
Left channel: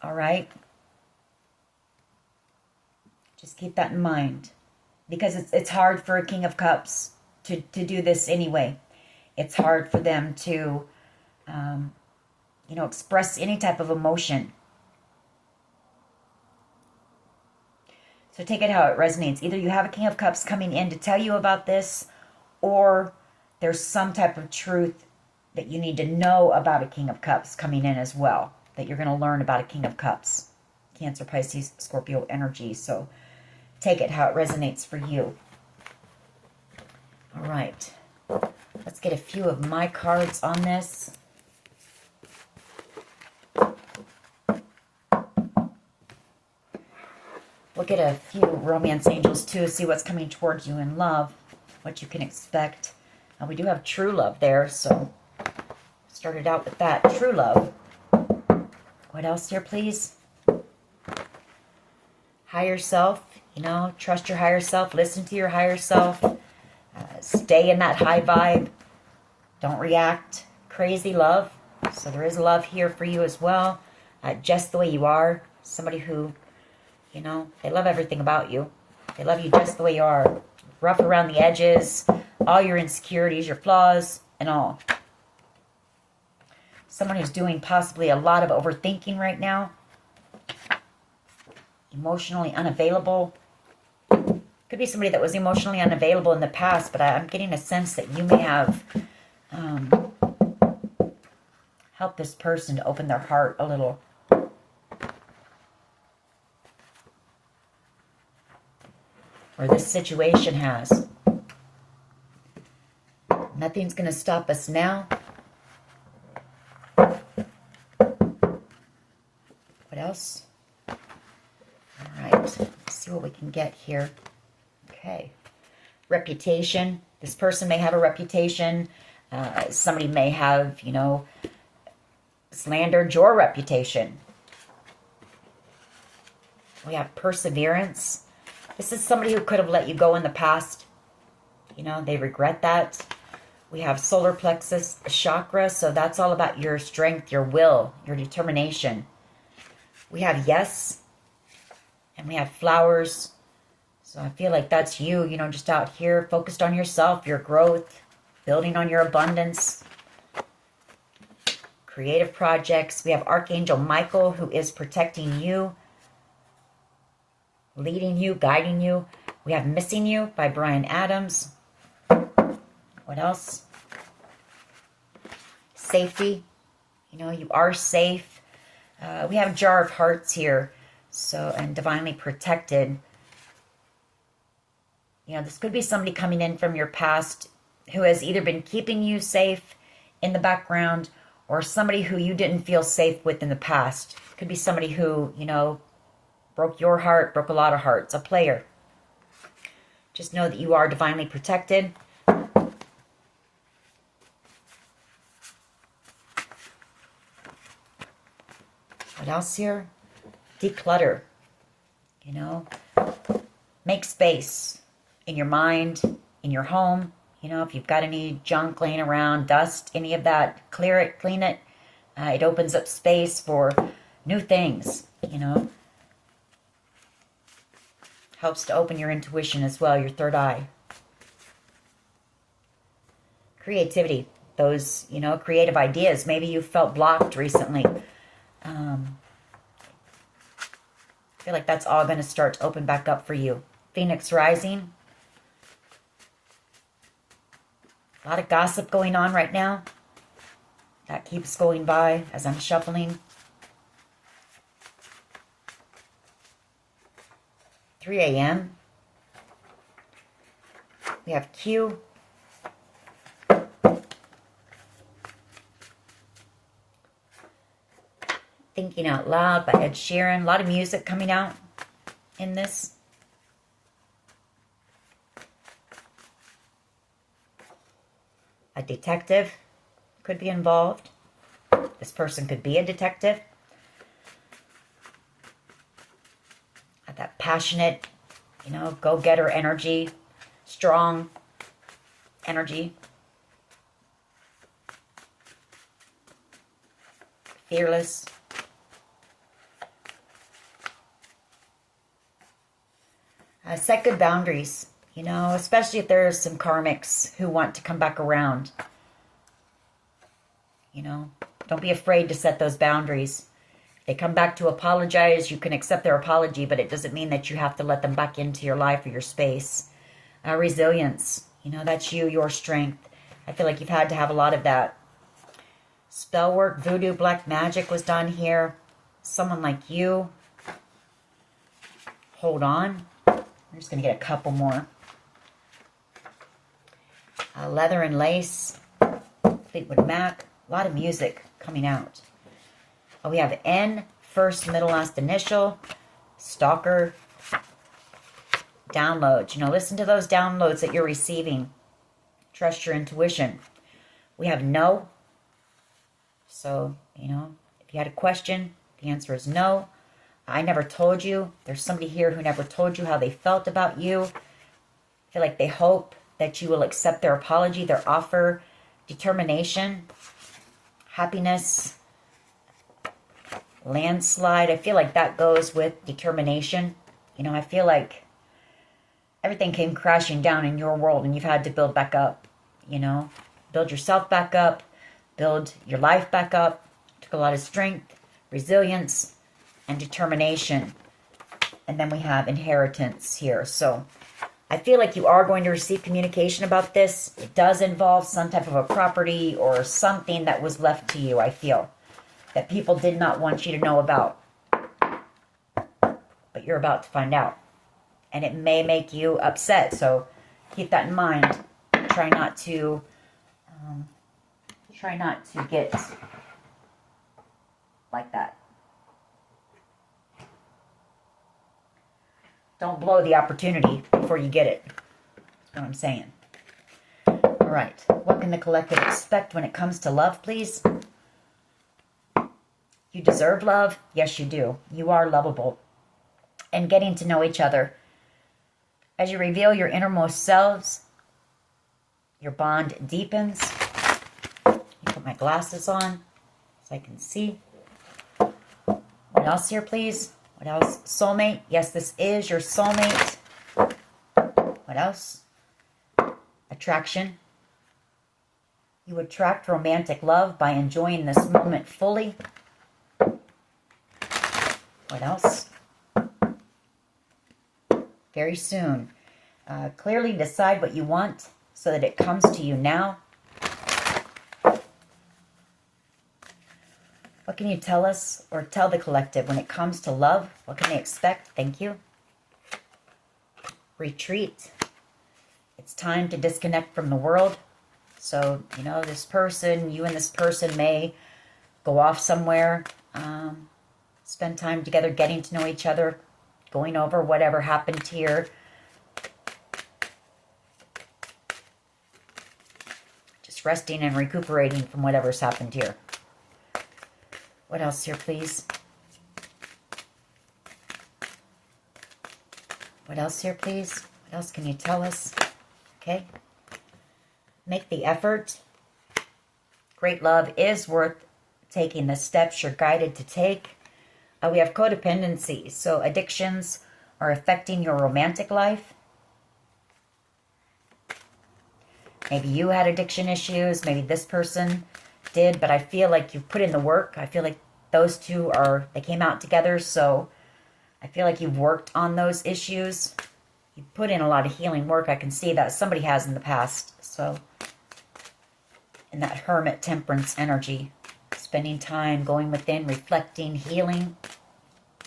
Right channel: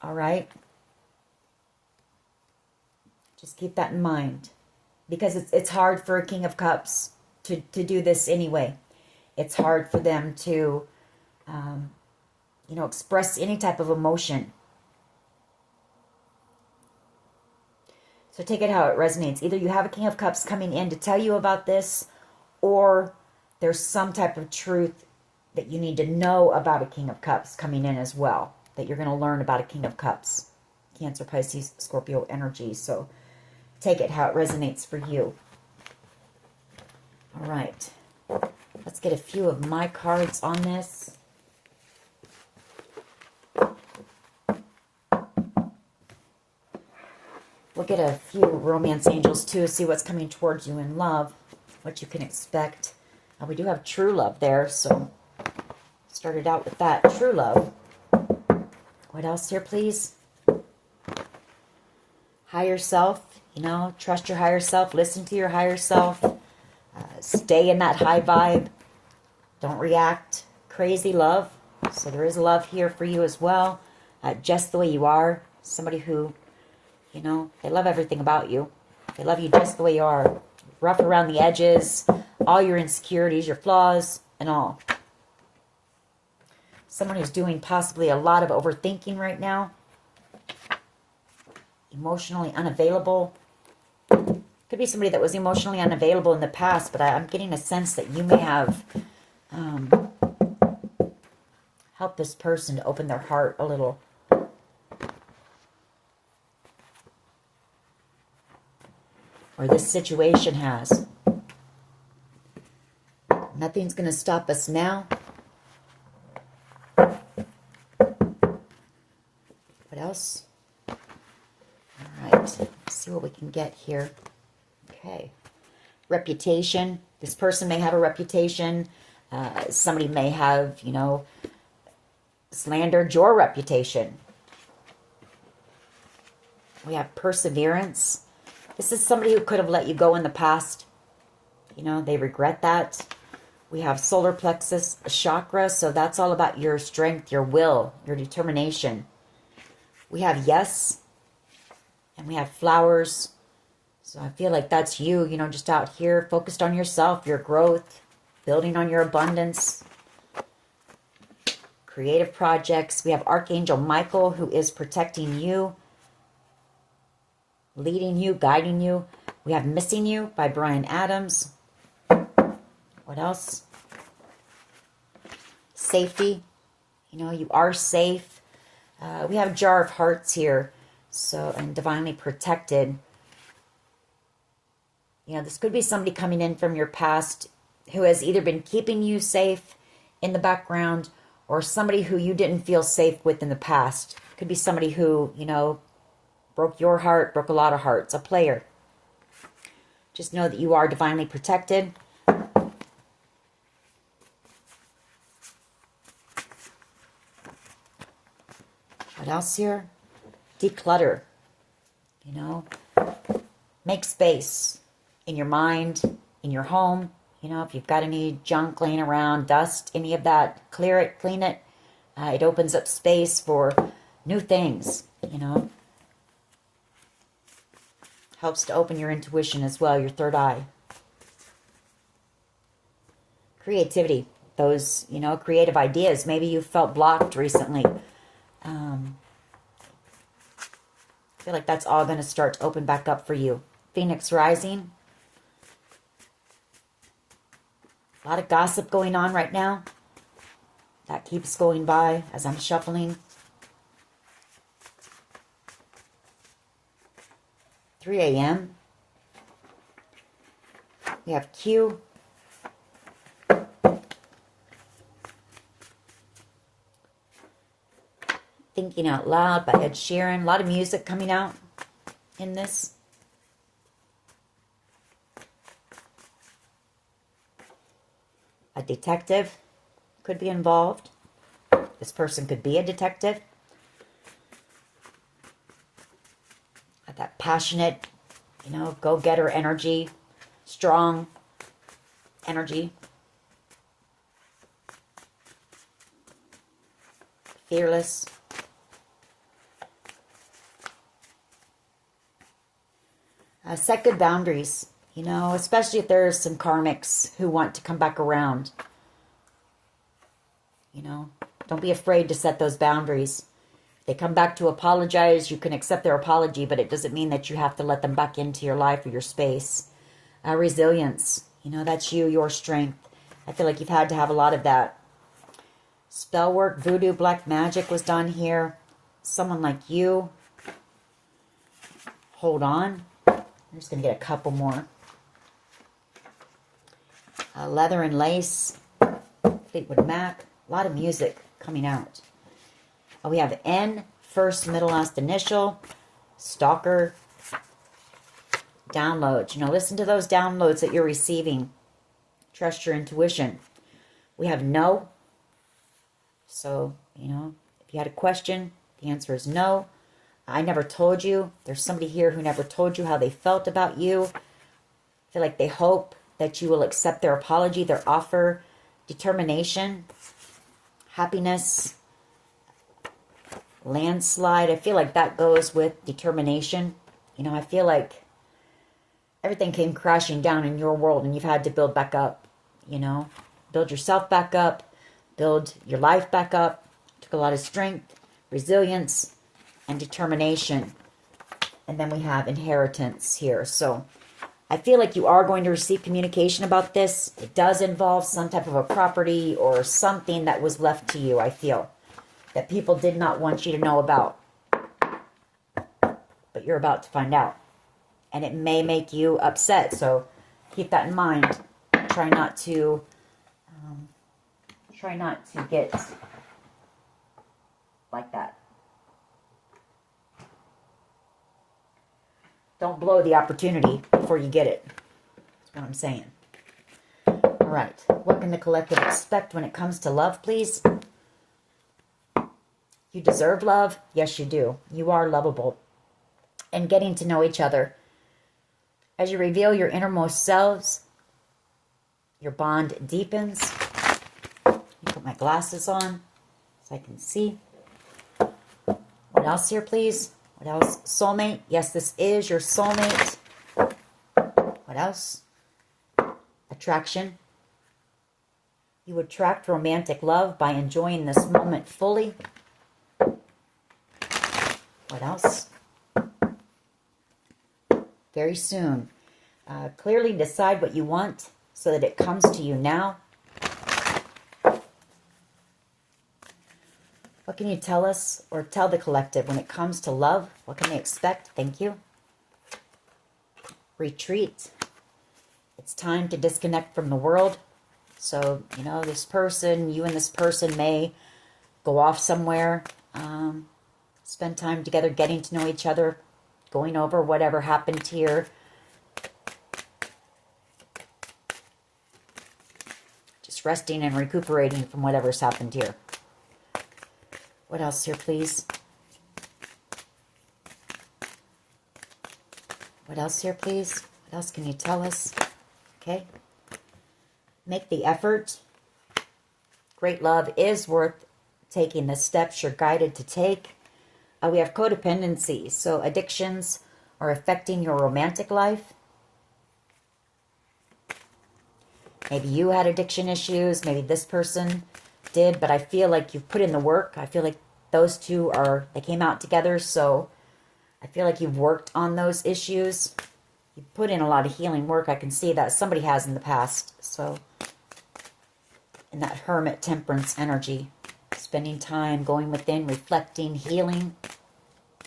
All right? Just keep that in mind. Because it's hard for a King of Cups to do this anyway. It's hard for them to, you know, express any type of emotion. So take it how it resonates. Either you have a King of Cups coming in to tell you about this, or there's some type of truth that you need to know about a King of Cups coming in as well, that you're going to learn about a King of Cups. Cancer, Pisces, Scorpio energy. So take it how it resonates for you. All right. Let's get a few of my cards on this. We'll get a few romance angels too, see what's coming towards you in love, what you can expect. And we do have true love there, so started out with that. True love. What else here, please? Higher self, you know, trust your higher self, listen to your higher self, stay in that high vibe, don't react. Crazy love, so there is love here for you as well, just the way you are. Somebody who, you know, they love everything about you. They love you just the way you are. Rough around the edges, all your insecurities, your flaws, and all. Someone who's doing possibly a lot of overthinking right now. Emotionally unavailable. Could be somebody that was emotionally unavailable in the past, but I'm getting a sense that you may have helped this person to open their heart a little. Or this situation has. Nothing's going to stop us now. What else? All right. Let's see what we can get here. Okay. Reputation. This person may have a reputation. Somebody may have, you know, slandered your reputation. We have perseverance. This is somebody who could have let you go in the past. You know, they regret that. We have solar plexus chakra, so that's all about your strength, your will, your determination. We have yes, and we have flowers. So I feel like that's you, you know, just out here, focused on yourself, your growth, building on your abundance, creative projects. We have Archangel Michael, who is protecting you, leading you, guiding you. We have Missing You by Bryan Adams. What else? Safety. You know, you are safe. We have Jar of Hearts here. So, and divinely protected. You know, this could be somebody coming in from your past who has either been keeping you safe in the background or somebody who you didn't feel safe with in the past. Could be somebody who, you know, broke your heart, broke a lot of hearts, a player. Just know that you are divinely protected. What else here? Declutter. You know, make space in your mind, in your home. You know, if you've got any junk laying around, dust, any of that, clear it, clean it. It opens up space for new things, you know. Helps to open your intuition as well, your third eye. Creativity. Those, you know, creative ideas. Maybe you felt blocked recently. I feel like that's all going to start to open back up for you. Phoenix rising. A lot of gossip going on right now. That keeps going by as I'm shuffling. 3 a.m. We have Q. Thinking Out Loud by Ed Sheeran. A lot of music coming out in this. A detective could be involved. This person could be a detective. That passionate, you know, go-getter energy, strong energy. Fearless. Set good boundaries, you know, especially if there's some karmics who want to come back around. You know, don't be afraid to set those boundaries. If they come back to apologize, you can accept their apology, but it doesn't mean that you have to let them back into your life or your space. Resilience, you know, that's you, your strength. I feel like you've had to have a lot of that. Spell work, voodoo, black magic was done here. Someone like you. Hold on. I'm just going to get a couple more. Leather and Lace, Fleetwood Mac. A lot of music coming out. We have N, first, middle, last initial. Stalker. Downloads. You know, listen to those downloads that you're receiving. Trust your intuition. We have No. So, you know, if you had a question, the answer is no. I never told you. There's somebody here who never told you how they felt about you. I feel like they hope that you will accept their apology, their offer, determination, happiness, landslide. I feel like that goes with determination. You know, I feel like everything came crashing down in your world and you've had to build back up, you know, build yourself back up, build your life back up. Took a lot of strength, resilience, and determination. And then we have inheritance here. So I feel like you are going to receive communication about this. It does involve some type of a property or something that was left to you, I feel, that people did not want you to know about. But you're about to find out. And it may make you upset. So keep that in mind. Try not to get like that. Don't blow the opportunity before you get it. That's what I'm saying. All right. What can the collective expect when it comes to love, please? You deserve love. Yes, you do. You are lovable. And getting to know each other. As you reveal your innermost selves, your bond deepens. Let me put my glasses on so I can see. What else here, please? What else? Soulmate. Yes, this is your soulmate. What else? Attraction. You attract romantic love by enjoying this moment fully. What else? Very soon. Clearly decide what you want so that it comes to you now. What can you tell us or tell the collective when it comes to love? What can they expect? Thank you. Retreat. It's time to disconnect from the world. So, you know, this person, you and this person may go off somewhere, spend time together, getting to know each other, going over whatever happened here. Just resting and recuperating from whatever's happened here. What else here, please? What else here, please? What else can you tell us? Okay. Make the effort. Great love is worth taking the steps you're guided to take. We have codependency. So addictions are affecting your romantic life. Maybe you had addiction issues. Maybe this person did. But I feel like you've put in the work. I feel like those two they came out together. So I feel like you've worked on those issues. You put in a lot of healing work. I can see that somebody has in the past. So, in that hermit temperance energy, spending time going within, reflecting, healing,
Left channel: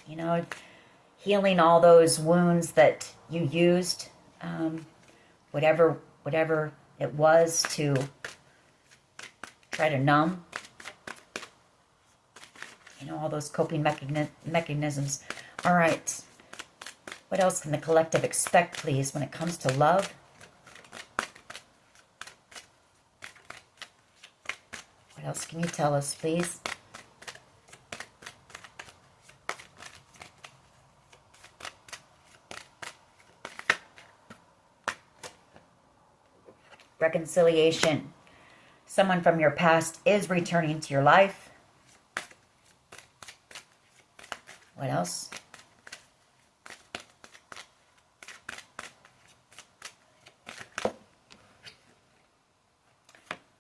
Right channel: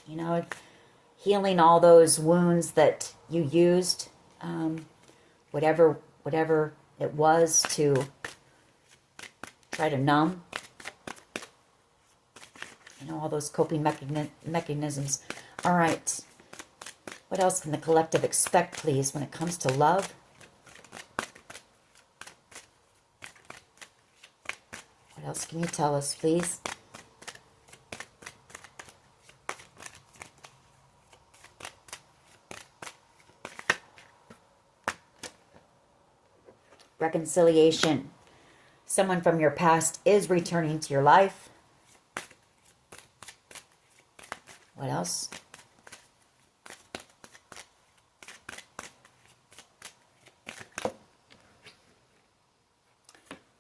you know, healing all those wounds that you used, whatever whatever it was to try to numb. You know, all those coping mechanisms. All right. What else can the collective expect, please, when it comes to love? What else can you tell us, please? Reconciliation. Someone from your past is returning to your life. What else?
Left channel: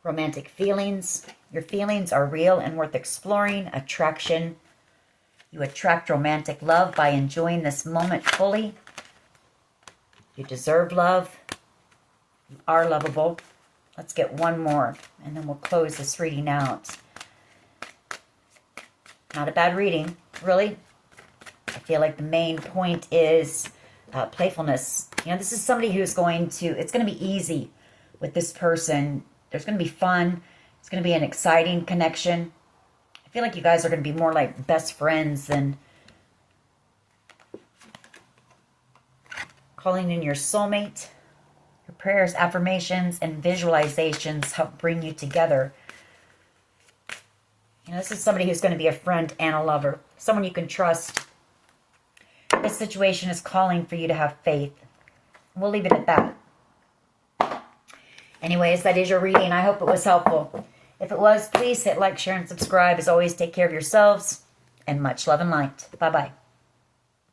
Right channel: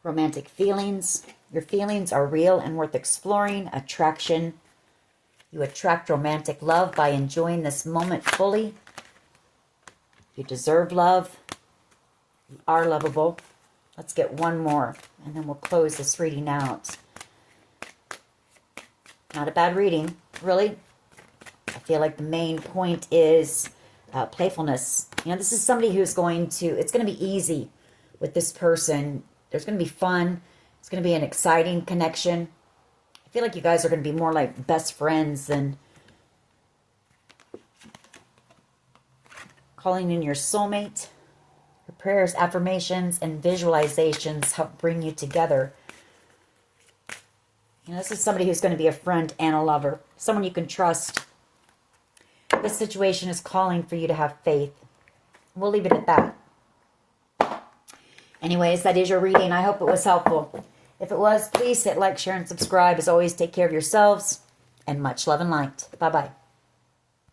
Romantic feelings. Your feelings are real and worth exploring. Attraction. You attract romantic love by enjoying this moment fully. You deserve love. You are lovable. Let's get one more, and then we'll close this reading out. Not a bad reading, really. I feel like the main point is playfulness. You know, this is somebody who's going to, it's going to be easy with this person. There's going to be fun. It's going to be an exciting connection. I feel like you guys are going to be more like best friends than calling in your soulmate. Your prayers, affirmations, and visualizations help bring you together. You know, this is somebody who's going to be a friend and a lover. Someone you can trust. This situation is calling for you to have faith. We'll leave it at that. Anyways, that is your reading. I hope it was helpful. If it was, please hit like, share, and subscribe. As always, take care of yourselves. And much love and light. Bye-bye.